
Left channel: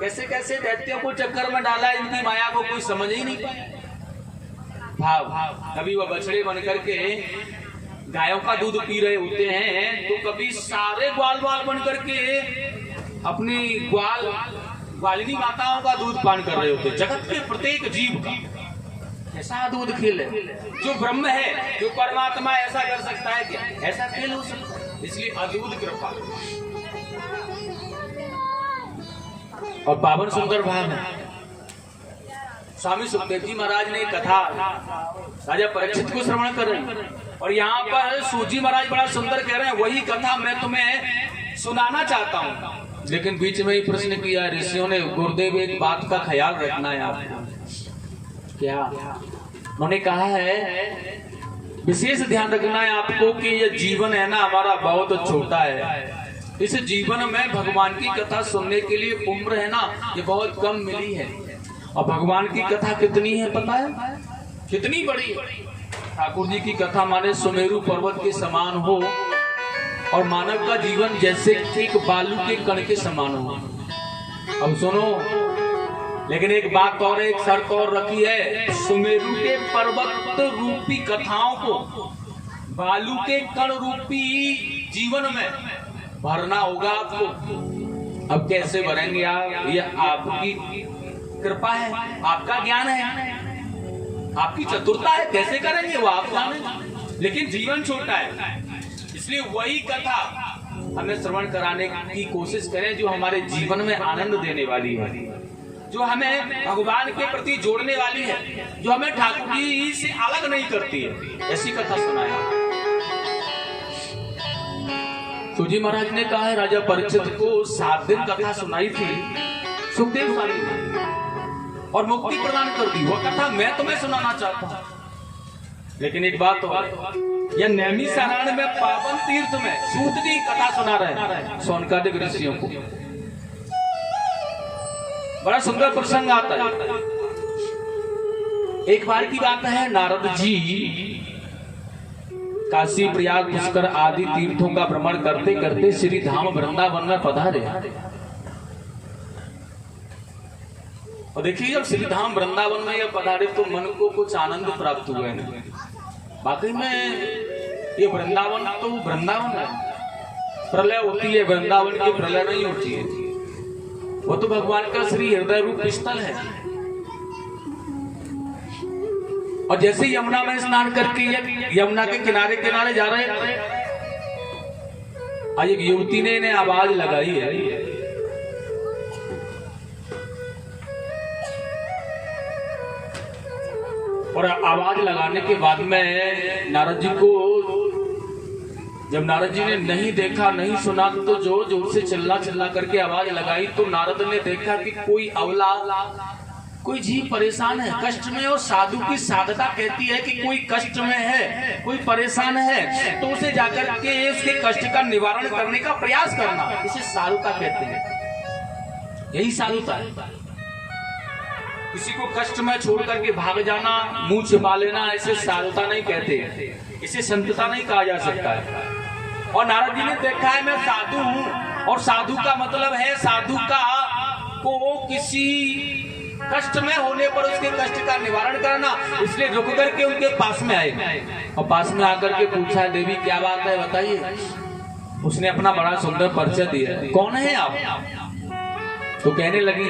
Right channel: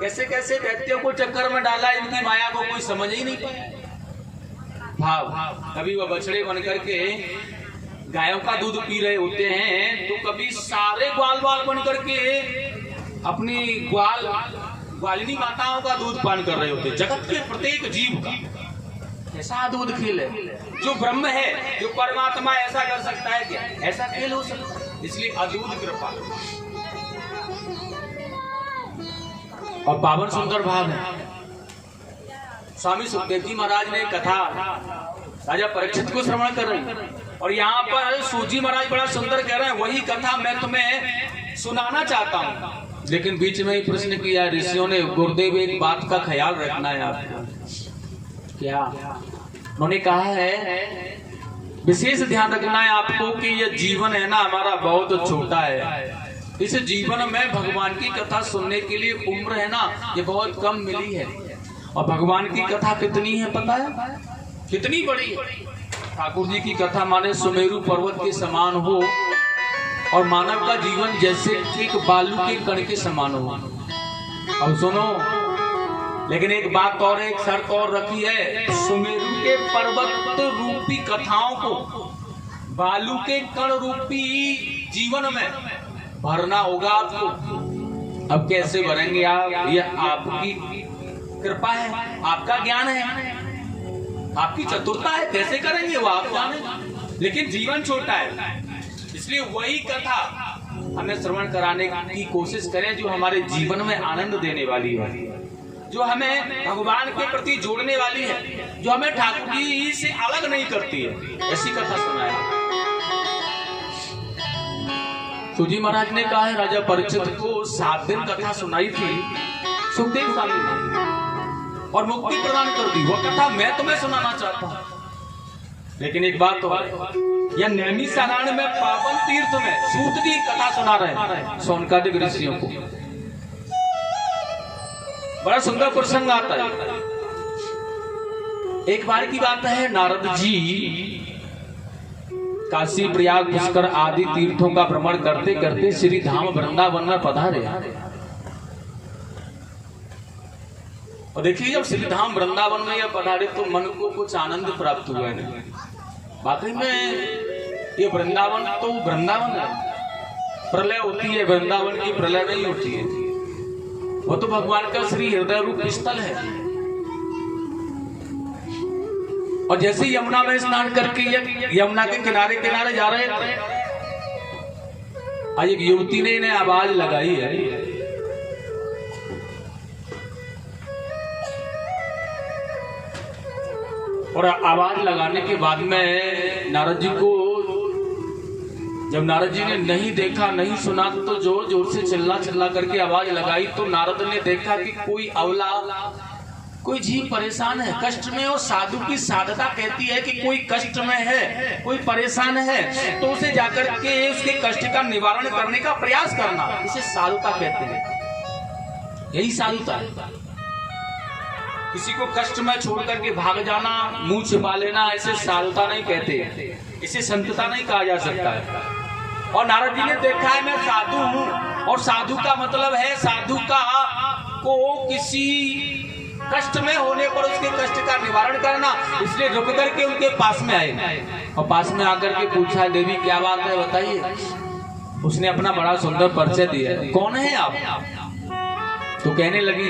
कैसे कैसे दैत्यों को चक्कर में डाला, इनकी माया को कोई समझ ही नहीं पाया। भाव कभी वह बछड़े बन करके गायों का दूध पी रहे होते हैं, तो कभी सारे ग्वाल बाल बन करके अपनी ग्वालिनी माताओं का दूध पान कर रहे होते हैं। जगत के प्रत्येक जीव का ऐसा अद्भुत खेल है। जो ब्रह्म है, जो परमात्मा ऐसा कर सकता है क्या? ऐसा खेल हो सकता है, इसलिए अद्भुत कृपा। और पावन सुंदर भाव है। स्वामी सुखदेव जी महाराज ने कथा राजा परीक्षित को श्रवण कर रहे हैं, और यहाँ पर सूजी महाराज बड़ा सुंदर कह रहे हैं, वही कथा मैं तुम्हें सुनाना चाहता हूँ। लेकिन बीच में ही प्रश्न किया ऋषियों ने, गुरुदेव एक बात का ख्याल रखना है आपको। क्या? उन्होंने कहा है विशेष ध्यान रखना है आपको कि ये जीवन है ना हमारा बहुत छोटा है। इस जीवन में भगवान की कथा सुनने के लिए उम्र है ना ये बहुत कम मिली है। और भगवान की कथा कितनी है पता है? कितनी बड़ी है। ठाकुर जी की कथा माने सुमेरु पर्वत के समान हो, और मानव का जीवन जैसे एक बालू के कण के समान हो। अब सुनो, लेकिन एक बात और, एक शर्त और रखी है, सुमेरु के पर्वत रूपी कथाओं को बालू के कण रूपी जीवन में भरना होगा आपको। अब कैसे भरेंगे आप? यह आपकी कृपा है, आपका ज्ञान है, आपकी चतुरता है, कैसे करेंगे वो आप जाने। लेकिन जीवन छोटा है, इसलिए वही कथा हमें श्रवण कराने की कोशिश करें, जो हमारे जीवन में आनंद देने वाली है, जो हमें भगवान के प्रति जोड़ने वाली है, जो हमें ठाकुर जी से अलग नहीं करती है। ऐसी कथा सुनाया। तो जी महाराज ने कहा है राजा परीक्षित को 7 दिन कथा सुनाई थी सुखदेव स्वामी ने और मुक्ति प्रदान कर दी। वो कथा मैं तुम्हें सुनाना चाहता हूँ, लेकिन एक बात तो यह नैमी सारण में पावन तीर्थ में सूत की कथा सुना रहे हैं सोनकादिक ऋषियों को। बड़ा सुंदर प्रसंग आता है। एक बार की बात है, नारद जी काशी प्रयाग पुष्कर आदि तीर्थों का भ्रमण करते करते श्री धाम वृंदावन में पधारे। और देखिए जब श्री धाम वृंदावन में यह पधारे तो मन को कुछ आनंद प्राप्त हुआ है। वाकई में ये वृंदावन तो वृंदावन है, प्रलय होती है वृंदावन की प्रलय नहीं होती है। वो तो भगवान का श्री हृदय रूप स्थल है। और जैसे यमुना में स्नान करके यमुना के किनारे किनारे जा रहे थे, आज एक युवती ने इन्हें आवाज लगाई है। और आवाज लगाने के बाद में नारद जी को, जब नारद जी ने नहीं देखा नहीं सुना तो जोर जोर से चिल्ला चिल्ला करके आवाज लगाई। तो नारद ने देखा कि कोई अवला, कोई जीव परेशान है, कष्ट में। और साधु की साधता कहती है कि कोई कष्ट में है, कोई परेशान है, तो उसे जाकर के उसके कष्ट का निवारण करने का प्रयास करना, इसे साधुता कहते हैं। यही साधुता है। किसी को कष्ट में छोड़ करके भाग जाना, मुंह छिपा लेना, इसे साधुता नहीं कहते, इसे संतता नहीं कहा जा सकता है। और नारद जी ने देखा है मैं साधु हूं, और साधु का मतलब है साधु का को किसी कष्ट में होने पर उसके कष्ट का निवारण करना। इसलिए रुक करके उनके पास में आए और पास में आकर के पूछा, देवी क्या बात है बताइए। उसने अपना बड़ा सुंदर परिचय दिया, कौन है आप? तो कहने लगी,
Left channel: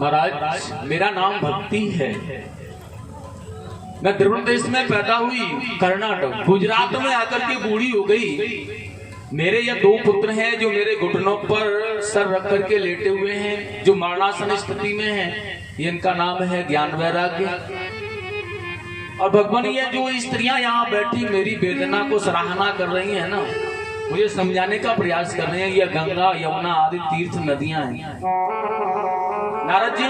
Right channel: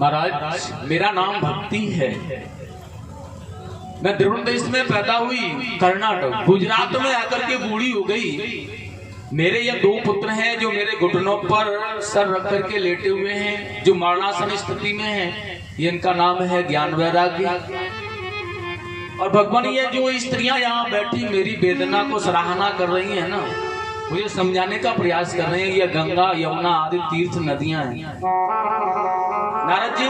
महाराज मेरा नाम भक्ति है, मैं द्रविड़ देश में पैदा हुई, कर्नाटक गुजरात में आकर के बूढ़ी हो गई। मेरे ये 2 पुत्र हैं जो मेरे घुटनों पर सर रख करके लेटे हुए हैं, जो मरणासन स्थिति में हैं। इनका नाम है ज्ञान वैराग्य। और भगवान ये जो स्त्रियां यहाँ बैठी मेरी वेदना को सराहना कर रही हैं ना, मुझे समझाने का प्रयास कर रहे हैं। ये गंगा यमुना आदि तीर्थ नदियां हैं। नारद जी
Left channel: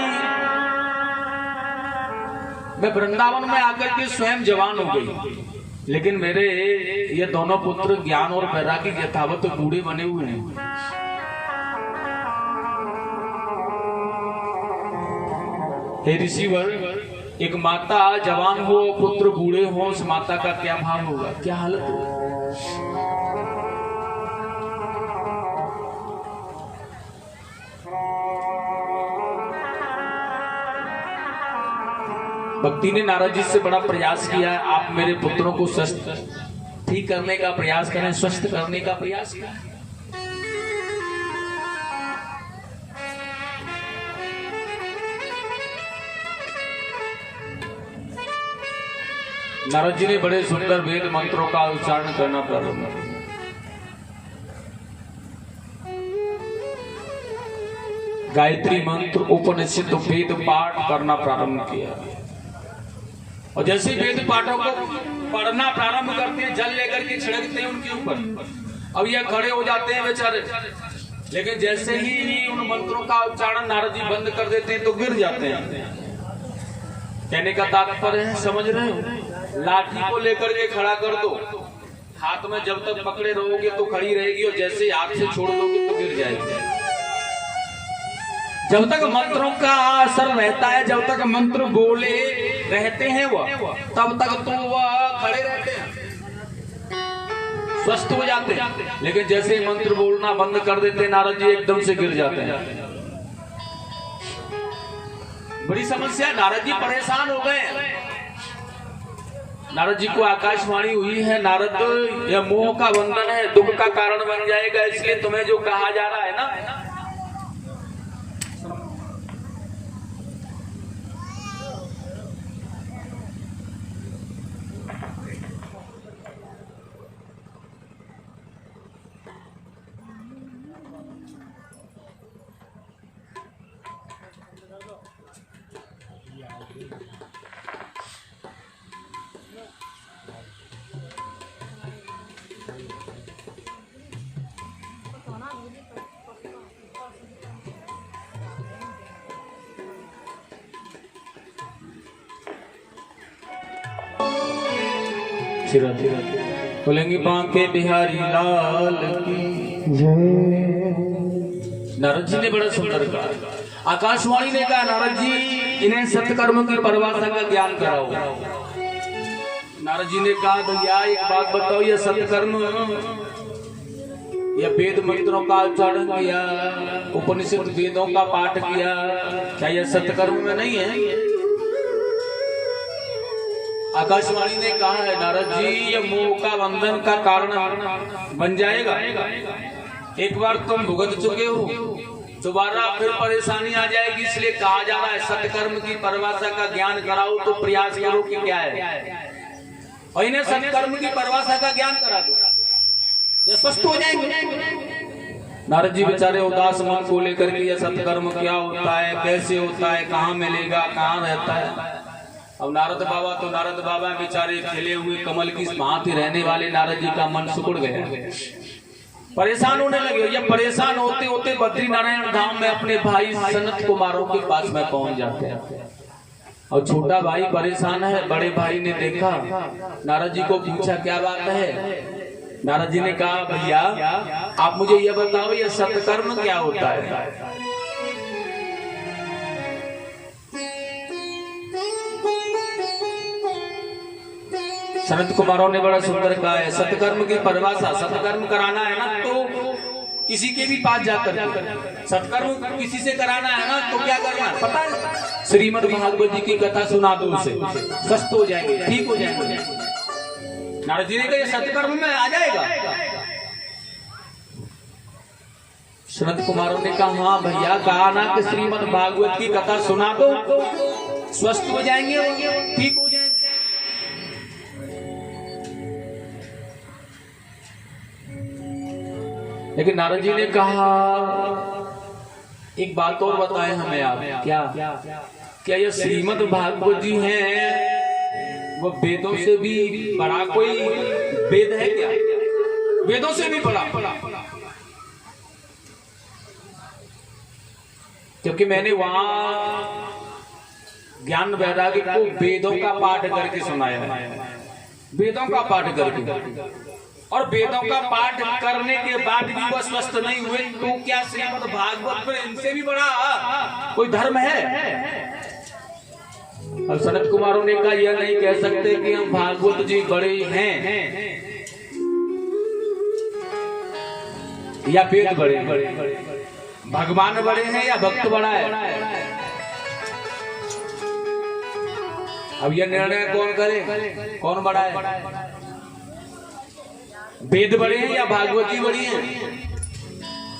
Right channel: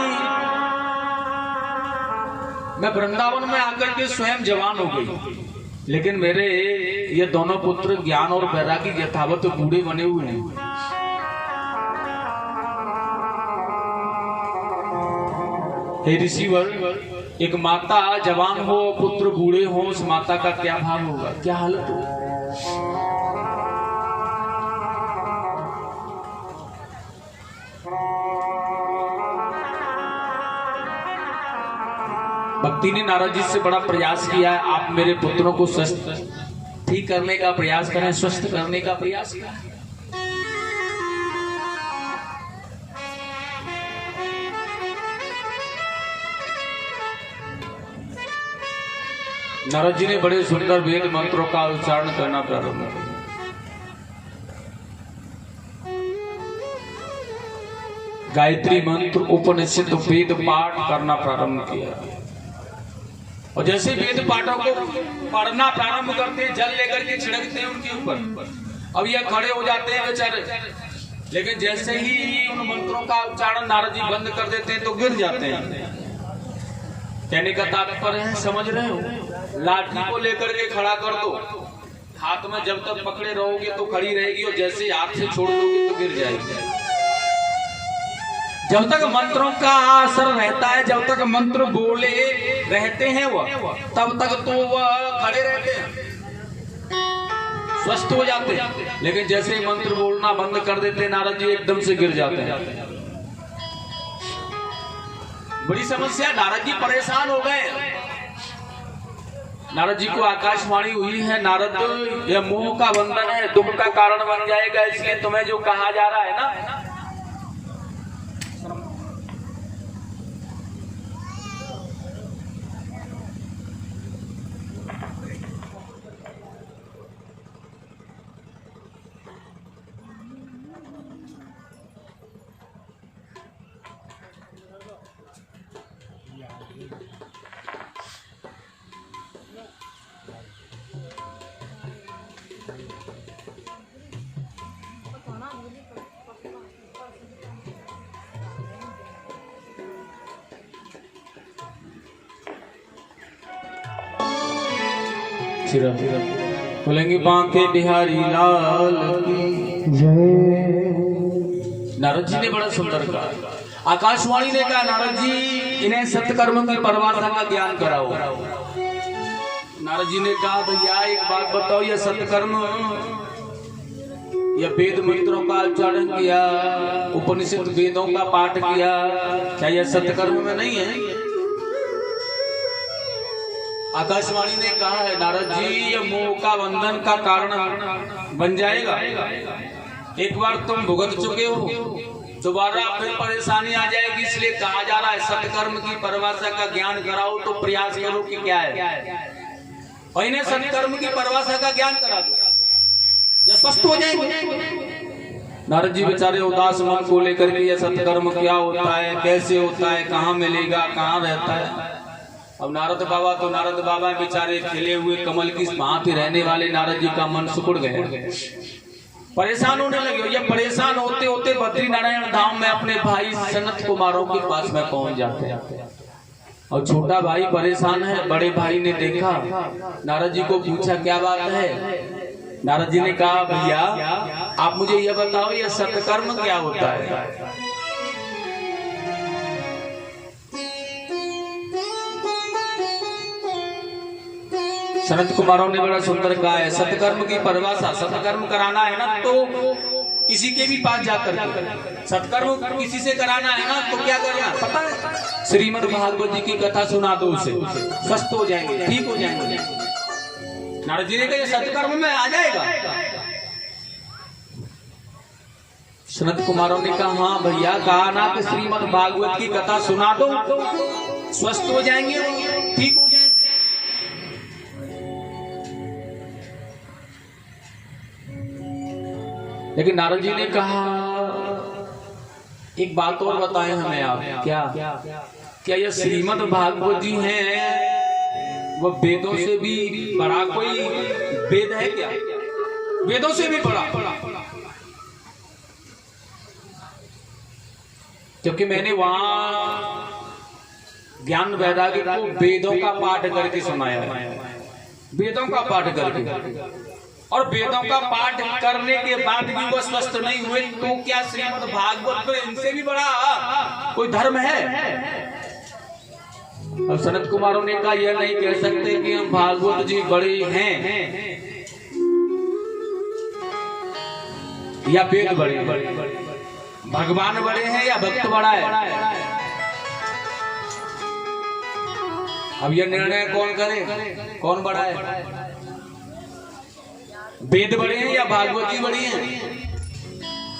मैं वृंदावन में आकर के स्वयं जवान हो गई, लेकिन मेरे ये दोनों पुत्र ज्ञान और वैराग्य यथावत बूढ़े बने हुए हैं। हे ऋषिवर, एक माता जवान हो, पुत्र बूढ़े हो, उस माता का क्या भाव होगा, क्या हालत होगी? भक्ति ने नारद जी से बड़ा प्रयास किया, आप मेरे पुत्रों को स्वस्थ ठीक करने का प्रयास करें, स्वस्थ करने का प्रयास करें। नारद जी ने बड़े सुंदर वेद मंत्रों का उच्चारण करना प्रारंभ किया। गायत्री मंत्र, उपनिषद, वेद पाठ करना प्रारंभ किया। और जैसे वेद पाठों को पढ़ना प्रारंभ करते हैं, जल लेकर के छिड़कते हैं उनके ऊपर। अब ये खड़े हो जाते हैं बेचारे, लेकिन जैसे ही उन मंत्रों का उच्चारण नारद जी बंद कर देते हैं तो गिर जाते हैं। कहने का तात्पर्य है, समझ रहे हो, लाठी को लेकर के खड़ा कर दो, हाथ में जब तक पकड़े रहोगे तो खड़ी रहेगी, और जैसे हाथ से छोड़ दोगे तो गिर जाएगी। जब तक मंत्रों का असर रहता है, जब तक मंत्र बोले रहते हैं वह, तब तक तो वह खड़े रहते हैं, स्वस्थ हो जाते हैं। लेकिन जैसे मंत्र बोलना बंद कर देते हैं नारद जी, एकदम से गिर जाते हैं। बड़ी समस्या, नारद जी परेशान हो गए। नारद जी को आकाशवाणी हुई है, नारद यह मोह का बंधन है, दुख का कारण बन जाएगा, इसलिए तुम्हें जो कहा जा रहा है ना, चिरंत बोलेंगे बांके बिहारी लाल की जय। नारद जी ने बड़ा सुंदर कहा। आकाशवाणी ने कहा नारद जी इन्हें सत्कर्म की परिभाषा का ज्ञान कराओ। नारद जी ने कहा भैया एक बात बताओ, यह सत्कर्म या वेद मंत्रों का उच्चारण किया, उपनिषद वेदों का पाठ किया, क्या यह सत्कर्म में नहीं है? आकाशवाणी ने कहा है नारद जी यह मोह का बंधन का कारण बन जाएगा। एक बार तुम भुगत चुके हो, दोबारा फिर परेशानी आ जाएगी, इसलिए कहा जा रहा है सत्कर्म की परिभाषा का ज्ञान कराओ। तो प्रयास करो कि क्या है, और इन्हें सत्कर्म की परिभाषा का ज्ञान करा दो, ये स्पष्ट हो जाएंगे। नारद जी बेचारे उदास मन को लेकर के यह सत्कर्म क्या होता है, कैसे होता है, कहाँ मिलेगा, कहाँ रहता है। अब नारद बाबा बेचारे खिले हुए कमल की भांति रहने वाले नारद जी का मन सुकुड़ गए, परेशान होने लगे। ये परेशान होते होते बद्री नारायण धाम में अपने भाई सनत कुमारों के पास में पहुंच जाते हैं। और छोटा भाई परेशान है, बड़े भाई ने देखा, नारद जी को पूछा क्या बात है। नारद जी ने कहा भैया आप मुझे यह बताओ यह सत्कर्म क्या होता है। सनत कुमारों ने बड़ा सुंदर कहा है सत्कर्म की परिभाषा, सत्कर्म कराना है ना तो किसी के भी पास जाकर सत्कर्म किसी से कराना है ना तो क्या करना पता है, श्रीमद् भागवत जी की कथा सुना दो, उसे स्वस्थ हो जाएंगे, ठीक हो जाएंगे। नारद जी ने कहा सत्कर्म में आ जाएगा। सनत कुमारों ने कहा हाँ भैया कहा ना कि श्रीमद् भागवत की कथा सुना दो स्वस्थ हो जाएंगे, ठीक हो जाएंगे। लेकिन नारद जी ने कहा एक बात और बताएं हमें आप, क्या यह श्रीमद् भागवत जी हैं वो वेदों से भी बड़ा कोई वेद है क्या? वेदों से भी बड़ा? क्योंकि मैंने वहां ज्ञान वैराग्य को वेदों का पाठ करके सुनाया है, वेदों का पाठ करके, और वेदों का पाठ करने के बाद भी वो स्वस्थ नहीं हुए तो क्या श्रीमद् भागवत में इनसे भी बड़ा कोई धर्म है? और सनत कुमारों ने कहा यह नहीं कह सकते कि हम भागवत जी बड़े हैं या वेद बड़े, भगवान बड़े हैं या भक्त बड़ा है। अब यह निर्णय कौन करे, कौन बड़ा है? वेद बड़े हैं या भागवत जी बड़ी है?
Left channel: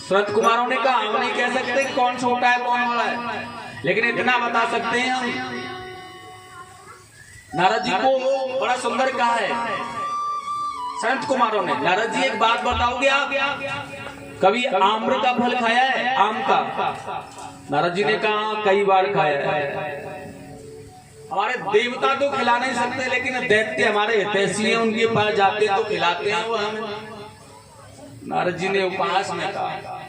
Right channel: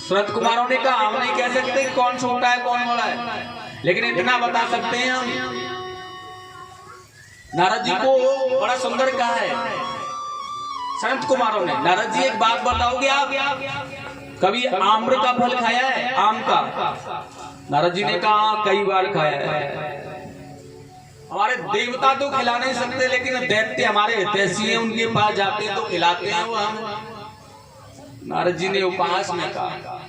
सनत कुमारों ने कहा हम नहीं कह सकते कौन छोटा है कौन बड़ा है, लेकिन इतना बता सकते हैं हम, नारद जी को बड़ा सुंदर कहा है सनत कुमारों ने। नारद जी एक बात बताओगे आप, कभी आम्र का फल खाया है, आम का? नारद जी ने कहा कई बार खाया है। हमारे देवता तो खिला नहीं सकते, लेकिन दैत्य हमारे हितैषी हैं, उनके पास जाते तो खिलाते हैं वो हम। नारद जी ने उपहास में कहा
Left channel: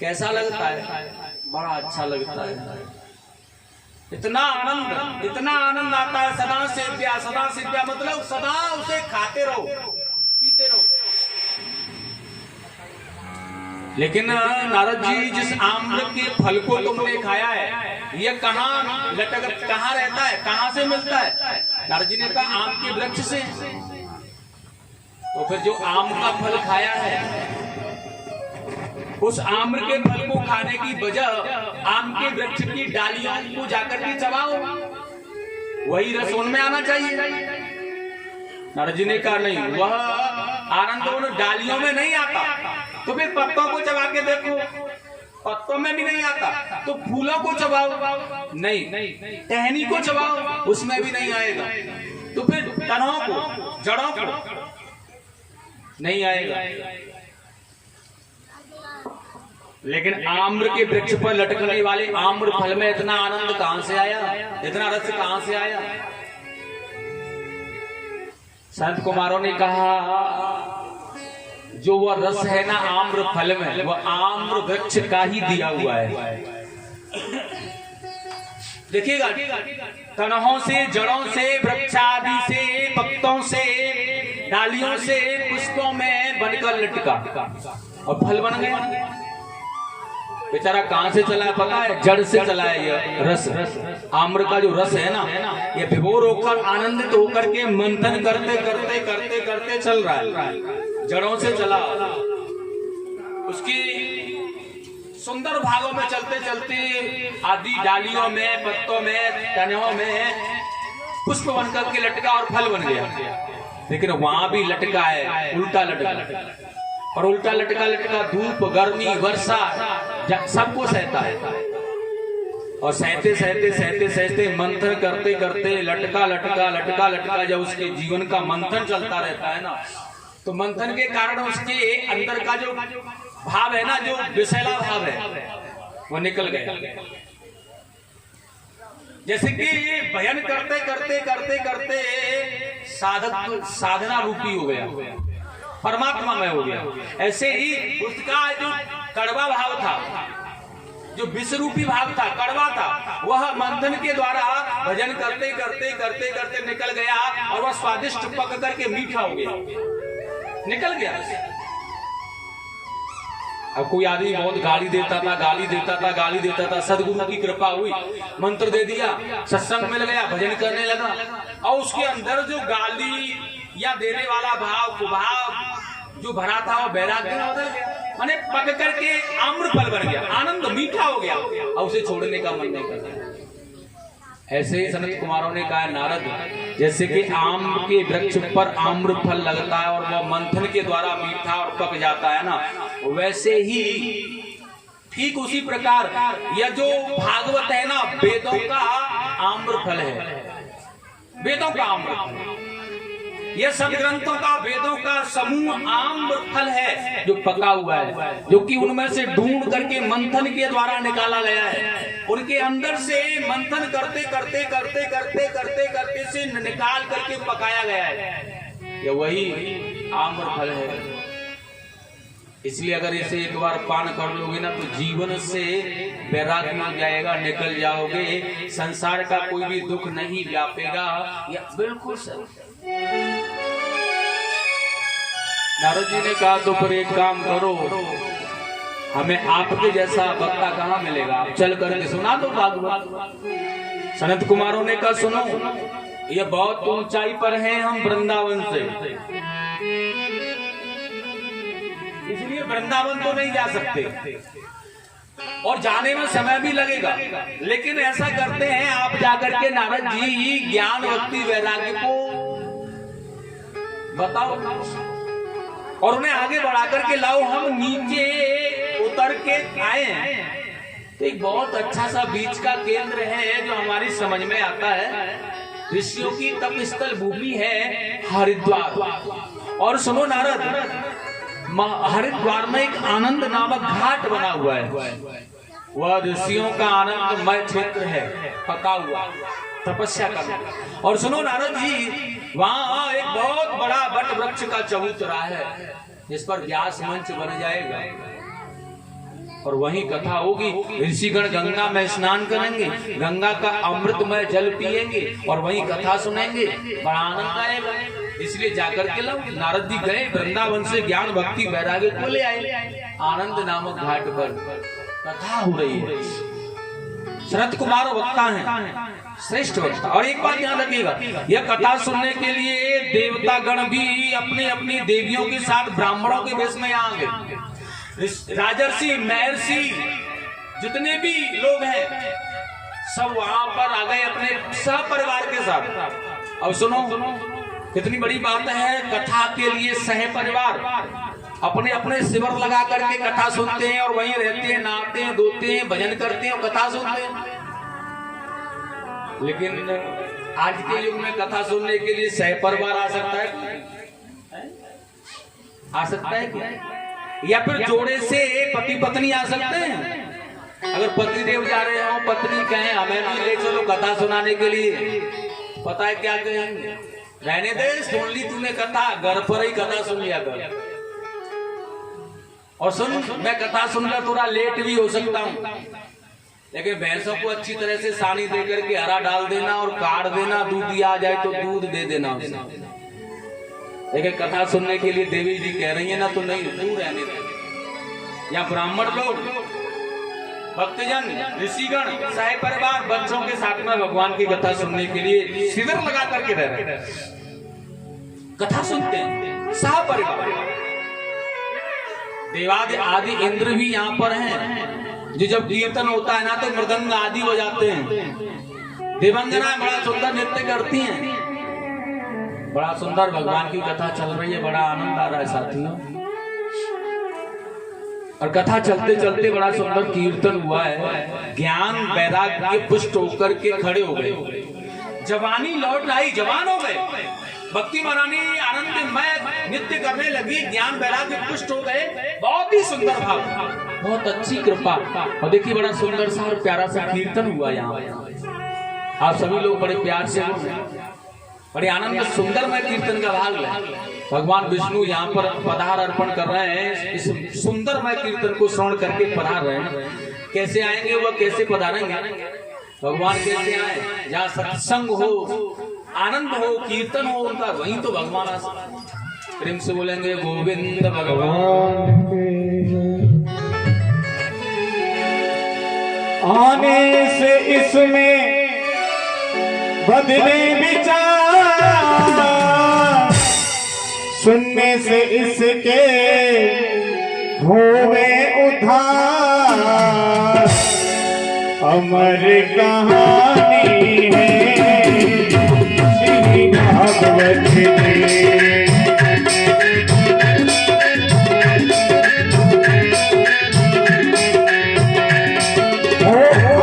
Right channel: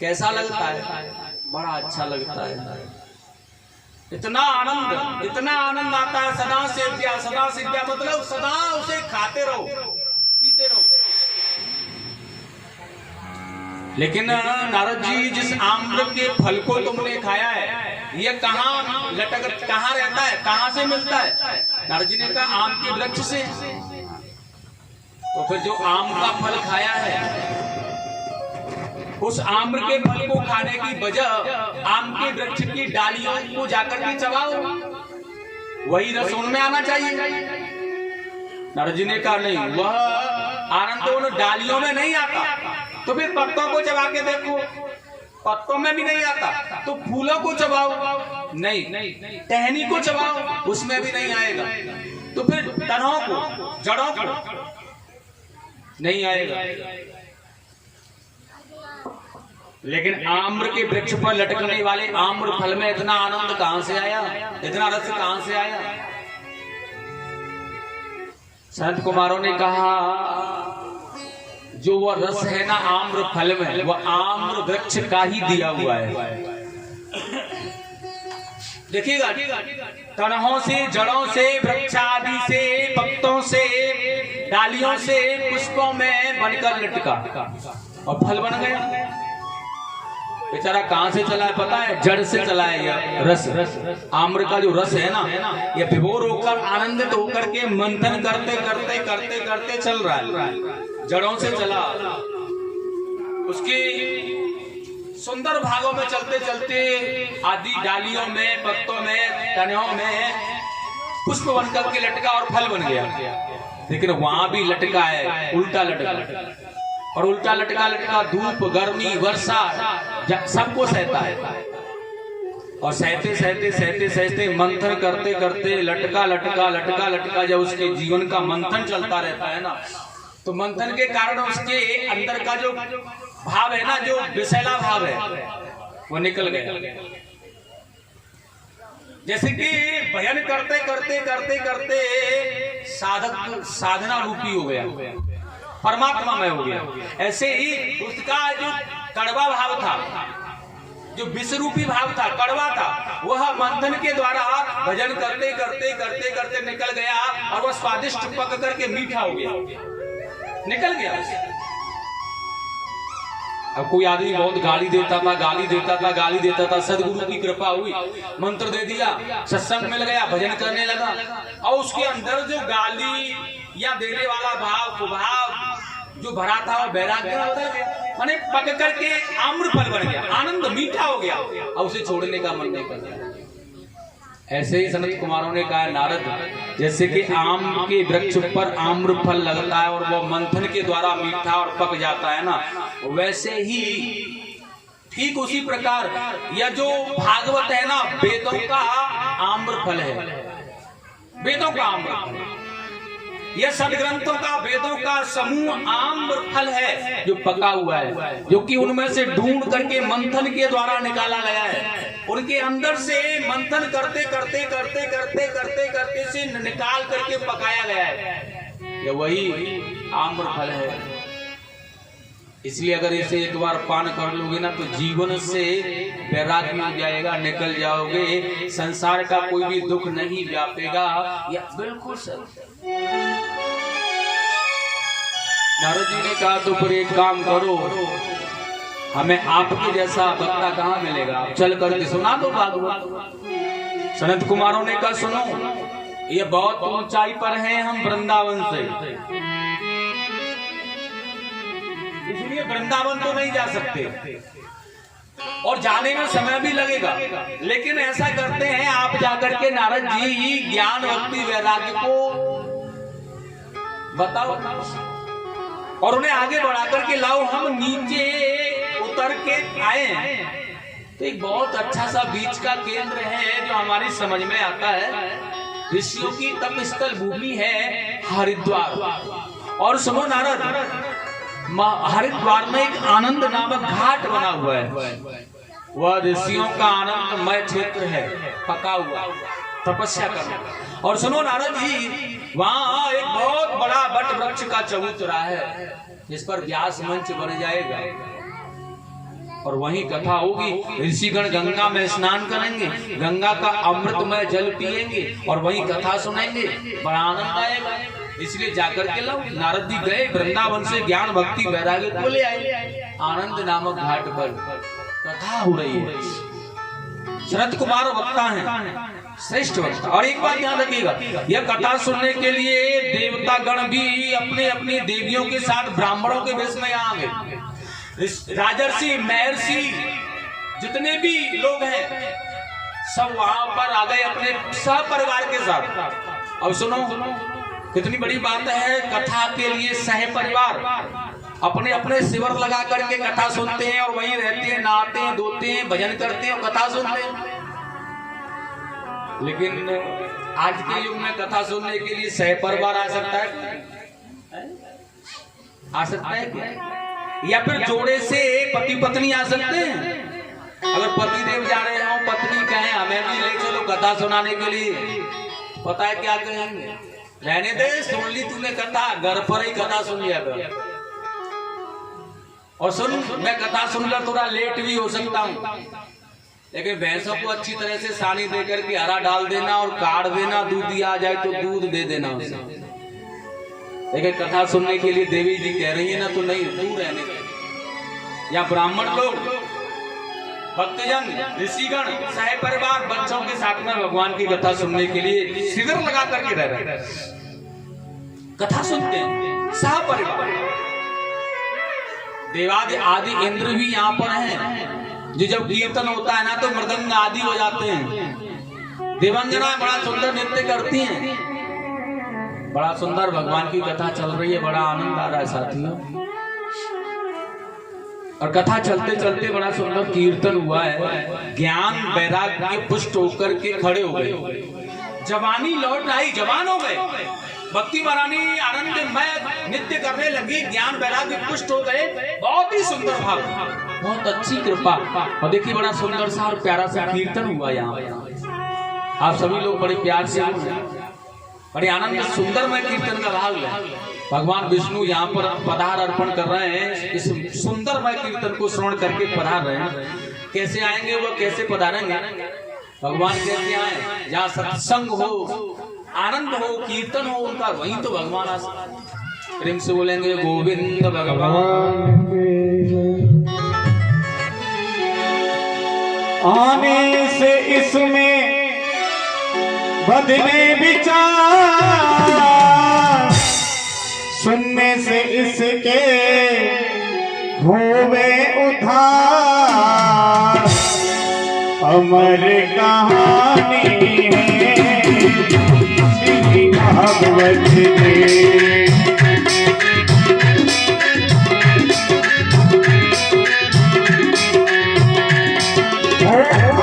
कैसा लगता है? बड़ा अच्छा लगता है, इतना आनंद आता है, सदा सेव्या मतलब सदा उसे खाते रहो पीते रहो। लेकिन नारद जी जिस आम्र के फल को तुमने खाया है ये कहाँ लटक, कहाँ रहता है, कहाँ से मिलता है? नारद जी ने कहा आम के वृक्ष से। तो फिर जो आम का फल खाया है उस आम्र के फल को खाने की वजह आम के वृक्ष की डालियों को जाकर के चबाओ, वही रस उनमें आना चाहिए। नारद जी ने कहा नहीं, वह आनंद उन डालियों में नहीं आता। तो फिर पत्तों को चबा के देखो, पत्तों में भी नहीं आता, तो फूलों को चबाओ, नहीं, टहनी को चबाओ, उसमें भी नहीं आएगा, तो फिर तनों को, जड़ों को नहीं आएगा। लेकिन आम्र के वृक्ष पर लटकने वाले आम्र फल में इतना आनंद कहां से आया, इतना रस कहां से आया? संत कुमारों ने कहा जो वह रस है ना आम्र फल में, वह आम्र वृक्ष का ही दिया हुआ है। देखिएगा, तनों से, जड़ों से, वृक्षादि से, पत्तों से, डालियों से, पुष्पों में बनकर लटका और फल बन गया। बेचारा कहां से चला है पता है? जड़ से चला है। ये रस, आम्र का जो रस है ना, ये विभोर होकर आनंदित होकर के मंथन करते करते करते करते चल रहा है। जड़ों से चला, उसकी सुंदर भागों में चलते चलते आदि डालियों में, पत्तों में, तनों में पुष्प बनकर के लटका और फल बन गया। लेकिन वहां भी लटका है, उल्टा लटका, और उल्टा लटका लटका धूप, गर्मी, वर्षा सबको सहता है। और सहते सहते सहते सहते मंथन करते करते लटका लटका लटका लटका जब उसके जीवन का मंथन चलता रहता है ना, तो मंथन के कारण उसके अंदर का जो भाव है ना, जो विषैला भाव है, वो निकल गया। जैसे कि भजन करते करते करते करते साधक साधना रूपी हो गया, परमात्मा में हो गया। ऐसे ही उसका जो कड़वा भाव था, जो विष रूपी भाव था, कड़वा था, वह मंथन के द्वारा भजन करते करते करते करते निकल गया और वह स्वादिष्ट पक करके मीठा हो गया, निकल गया। अब कोई आदमी बहुत गाली देता था, गाली देता था, गाली देता था, सदगुरु की कृपा हुई, मंत्र दे दिया, सत्संग मिल गया, भजन करने लगा, और उसके अंदर जो गाली या देने वाला भाव, कुभाव जो भरा था, वो वैराग्य में बदल गया, माने पक करके आम्र फल बन गया, आनंद मीठा हो गया, और उसे छोड़ने का मन नहीं करता। ऐसे ही सनत कुमारों ने कहा, नारद, जैसे कि आम के वृक्ष पर आम्र फल लगता है और वो मंथन के द्वारा मीठा और पक जाता है ना, वैसे ही ठीक उसी प्रकार यह जो भागवत है ना, वेदों का आम्र फल है, वेदों का आम्र फल, यह सदग्रंथों का, वेदों का समूह आम्र फल है जो पका हुआ है, जो कि उनमें से ढूंढ करके मंथन के द्वारा निकाला गया है। उनके अंदर से मंथन करते करते करते करते करते करते से निकाल करके पकाया गया है, यह वही आम्र फल है। इसलिए अगर इसे एक बार पान कर लोगे ना, तो जीवन से वैराग्य मिल जाएगा, निकल जाओगे, संसार का कोई भी दुख नहीं व्यापेगा। यह बिल्कुल सही। नारद जी ने कहा, तो फिर एक काम करो, हमें आपके जैसा वक्ता कहाँ मिलेगा, आप चल करके सुना दो भागवत। सनत कुमारों ने कहा, सुनो, ये बहुत ऊंचाई पर हैं हम वृंदावन से, इसलिए वृंदावन तो नहीं जा सकते और जाने में समय भी लगेगा। लेकिन ऐसा करते हैं, आप जाकर के नारद जी ज्ञान भक्ति वैराग्य को बताओ और उन्हें आगे बढ़ा करके लाओ। हम नीचे उतर के आए हैं तो एक बहुत अच्छा सा बीच का केंद्र है जो हमारी समझ में आता है। ऋषियों की तप स्थल भूमि है हरिद्वार। और सुनो नारद, हरिद्वार में एक आनंद नामक घाट बना हुआ है, वह ऋषियों का आनंदमय क्षेत्र है, पका हुआ तपस्या करना। और सुनो नारद जी, वहाँ एक बहुत बड़ा वट वृक्ष का चबूतरा है जिस पर व्यास मंच बन जाएगा और वहीं कथा होगी। ऋषिगण गंगा में स्नान करेंगे, गंगा का अमृतमय जल पिएंगे और वहीं कथा सुनेंगे, बड़ा आनंद आएगा। इसलिए जाकर के लोग नारद जी गए, वृंदावन से ज्ञान भक्ति वैराग्य को ले आए। आनंद नामक घाट पर कथा हो रही है। शरद कुमार वक्ता है, श्रेष्ठ वक्ता। और एक बात ध्यान रखिएगा, यह कथा सुनने के लिए देवता गण भी अपने अपनी देवियों के साथ ब्राह्मणों के वेश में यहाँ गए। राजर्षि, महर्षि, जितने भी लोग हैं सब वहां पर आ गए अपने सहपरिवार के साथ। अब सुनो, कितनी बड़ी बात है, कथा के लिए सहपरिवार अपने अपने शिविर लगा करके कथा सुनते हैं और वहीं रहते हैं, नहाते हैं, धोते हैं, भजन करते हैं और कथा सुनते हैं। लेकिन आज के युग में कथा सुनने के लिए सहपरिवार आ सकता है? आ सकता है क्या? या फिर जोड़े से पति पत्नी आ सकते हैं? अगर पति देव जा रहे हो, पत्नी कहें हमें भी ले चलो कथा सुनाने के लिए, पता है क्या कहेंगे? रहने दे, सुन ली तूने कथा, घर पर ही कथा सुन लिया कर। और सुन, मैं कथा सुनकर थोड़ा लेट भी हो सकता हूँ, लेकिन भैंसों को अच्छी तरह से सानी दे करके हरा डाल देना और काट देना, दूध दिया आ जाए तो दूध दे देना उसे। लेकिन कथा सुनने के लिए देवी जी कह रही है ना, तो नहीं, दूर रहने दो। या ब्राह्मण लोग, भक्तजन, ऋषिगण, सह परिवार बच्चों के साथ में भगवान की कथा सुनने के लिए शिविर लगा करके रह रहे हैं, कथा सुनते हैं सह परिवार। देवादि आदि इंद्र भी यहाँ पर हैं, जो जब कीर्तन होता है ना तो मृदंग आदि बजाते हैं। देवंगनाएं बड़ा सुंदर नृत्य करती हैं। बड़ा सुंदर भगवान की कथा चल रही है, बड़ा आनंद आ रहा है साथियों। और कथा चलते चलते बड़ा सुंदर कीर्तन हुआ है। ज्ञान वैराग्य पुष्ट होकर के खड़े हो गए, जवानी लौट आई, जवान हो गए। भक्ति महारानी आनंदमय नृत्य करने लगी, ज्ञान वैराग्य पुष्ट हो गए। बहुत ही सुंदर भाव, बहुत अच्छी कृपा। और देखिए बड़ा सुंदर सा और प्यारा सा कीर्तन हुआ यहाँ। आप सभी लोग बड़े प्यार से, बड़े आनंद सुंदरमय कीर्तन का भाग लें। भगवान विष्णु यहाँ पर पधार अर्पण कर रहे हैं, इस सुंदरमय कीर्तन को श्रवण करके पधार रहे हैं। कैसे आएंगे वो, कैसे पधारेंगे भगवान, कैसे आए? जहाँ सत्संग हो, आनंद हो, कीर्तन हो उनका, वहीं तो भगवान आ सकते। प्रेम से बोलेंगे गोविंद भगवान। आने से इसमें बदले विचार, सुनने से इसके होवे उद्धार। अमर कहानी है श्री भागवत जी।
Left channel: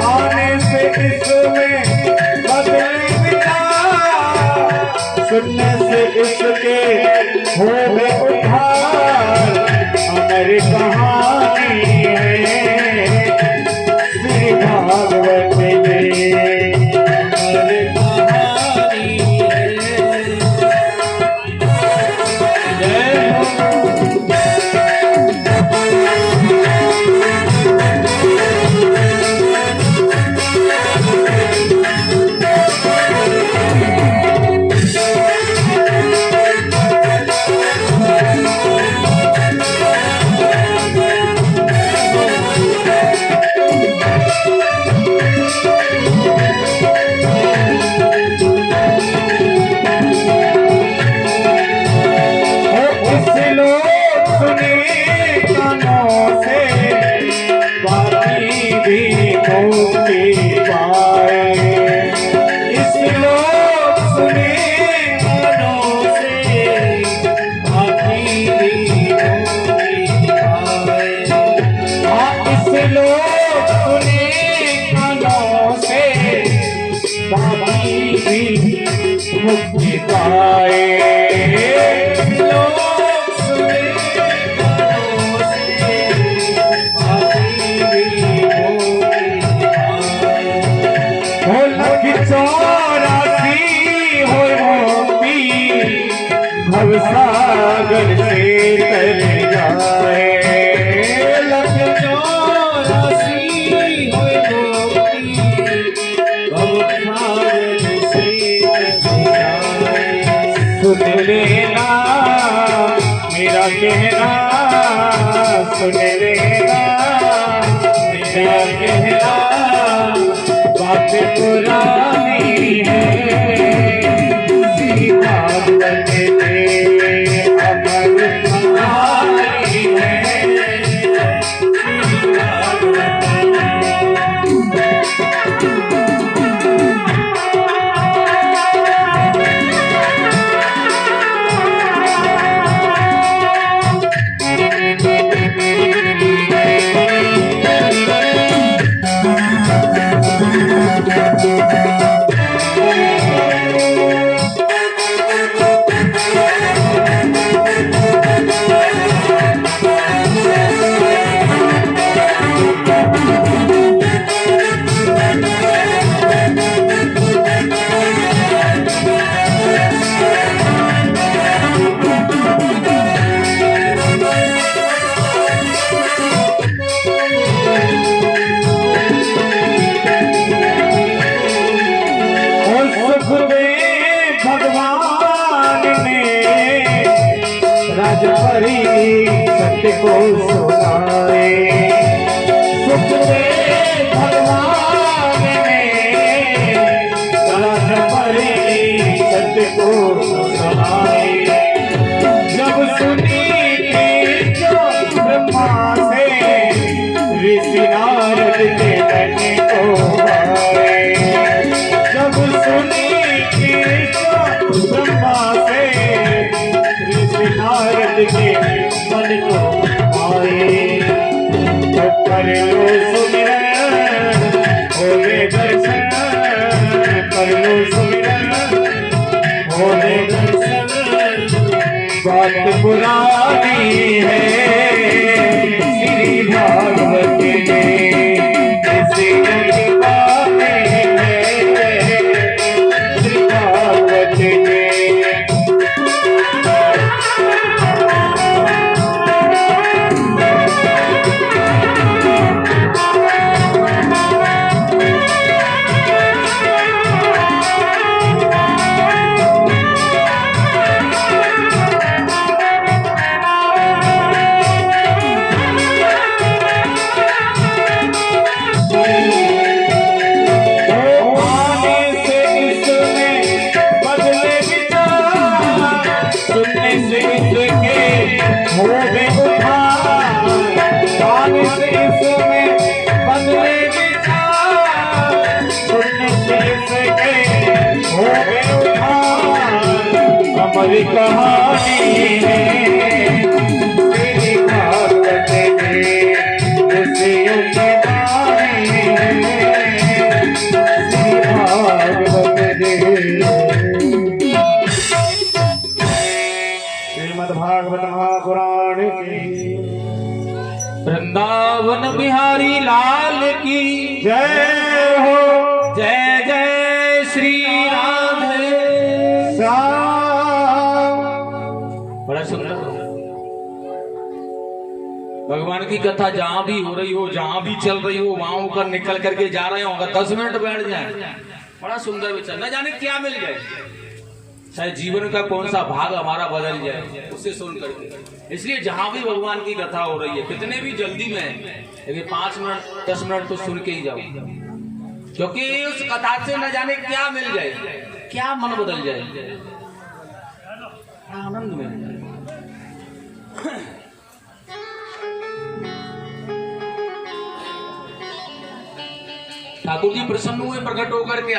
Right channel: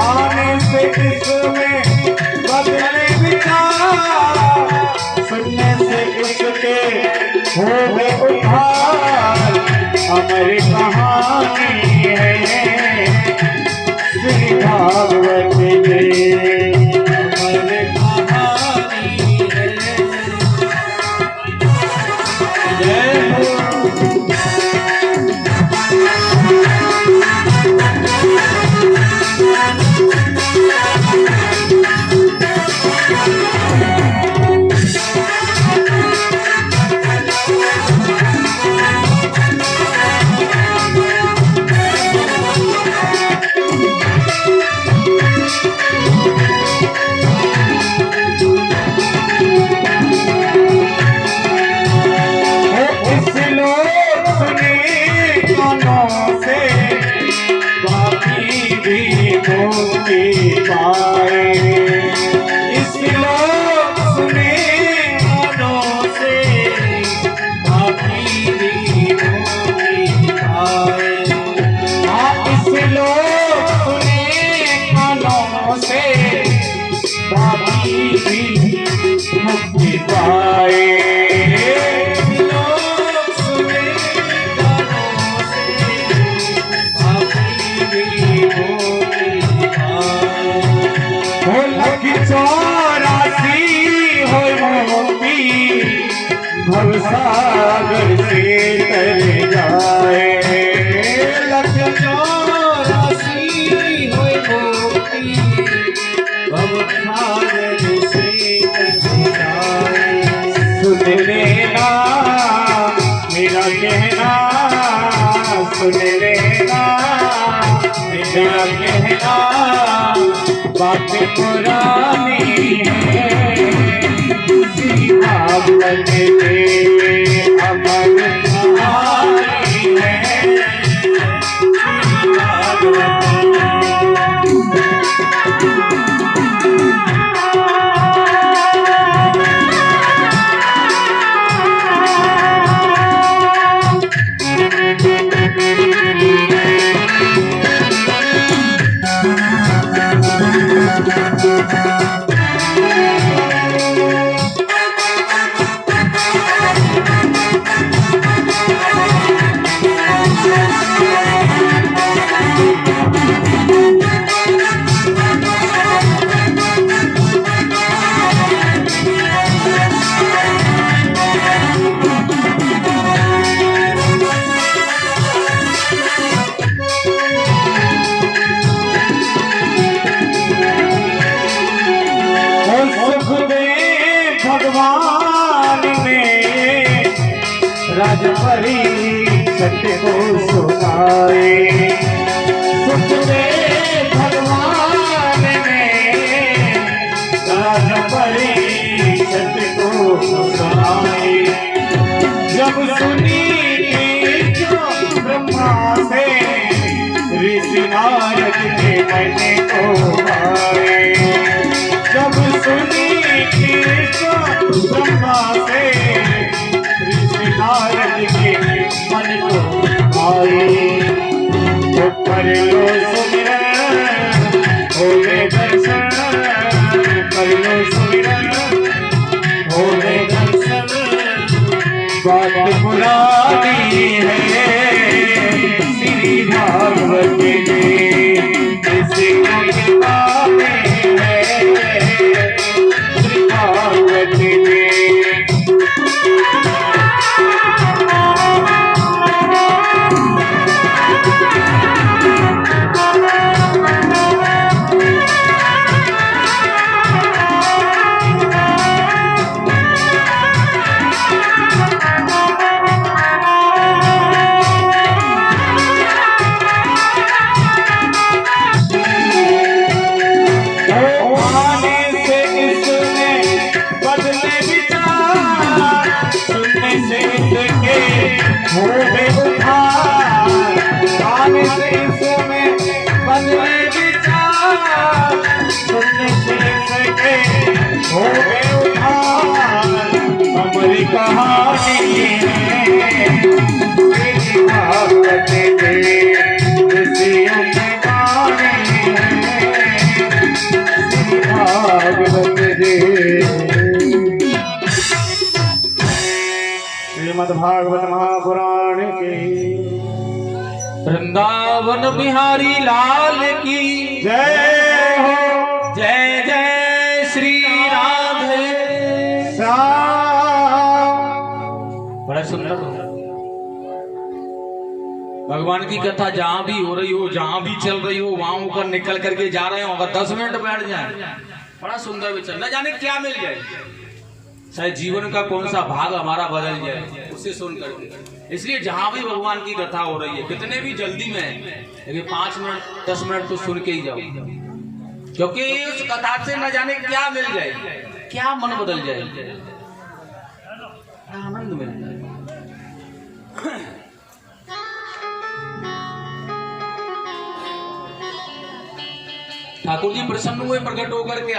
आने से इसमें बदले विचार, सुनने से इसके होवे उद्धार। अमर कहानी है श्री भागवत जी। अमर कहानी है। जय हो। मुक्ति पाए। भवसागर से तर जाए, लख 84 होए मोती, भवसागर से तर जाए। सुन लेना मेरा कहना, सुन लेना मेरा कहना, बात पुरानी है भागवत में अमर कहानी है। भागवत को सुनाए। सुखदेव भगवान ने दान परिषद को सुनाए। जब सुनी ब्रह्मा से ऋषि नारद के मन को आए। जब सुनी ब्रह्मा से ऋषि नारद के मन को आए। तो कर लो सुमिरन होवे दर्शन, कर लो सुमिरन होवे दर्शन। बात पुरानी है श्री भागवत में, इसी के बारे है श्री भागवत में। हमारी कहानी है श्री भागवत में, ऋषियों की वाणी है श्री भागवत में। श्रीमद् भागवत महापुराण की वृंदावन बिहारी लाल की जय हो। जय जय श्री राधे श्याम। बड़ा सुंदर भगवान की कथा जहां भी हो रही हो, जहां भी चल रही हो, वहां होकर निकल करके जा रहे हो, अगर 10 मिनट बैठ जाए बड़ा सुंदर विचार, न जाने क्या मिल जाए। शायद जीवन का कौन सा भाग हमारा बदल जाए उसे सुन करके। इसलिए जहां भी भगवान की कथा हो रही है, कितने भी जल्दी में, लेकिन 5 मिनट 10 मिनट तो सुन के ही जाओ, क्योंकि उस कथा से न जाने क्या मिल जाए, क्या मन बदल जाए, क्या आनंद मिल जाए। ठाकुर जी प्रसन्न हुए प्रकट होकर के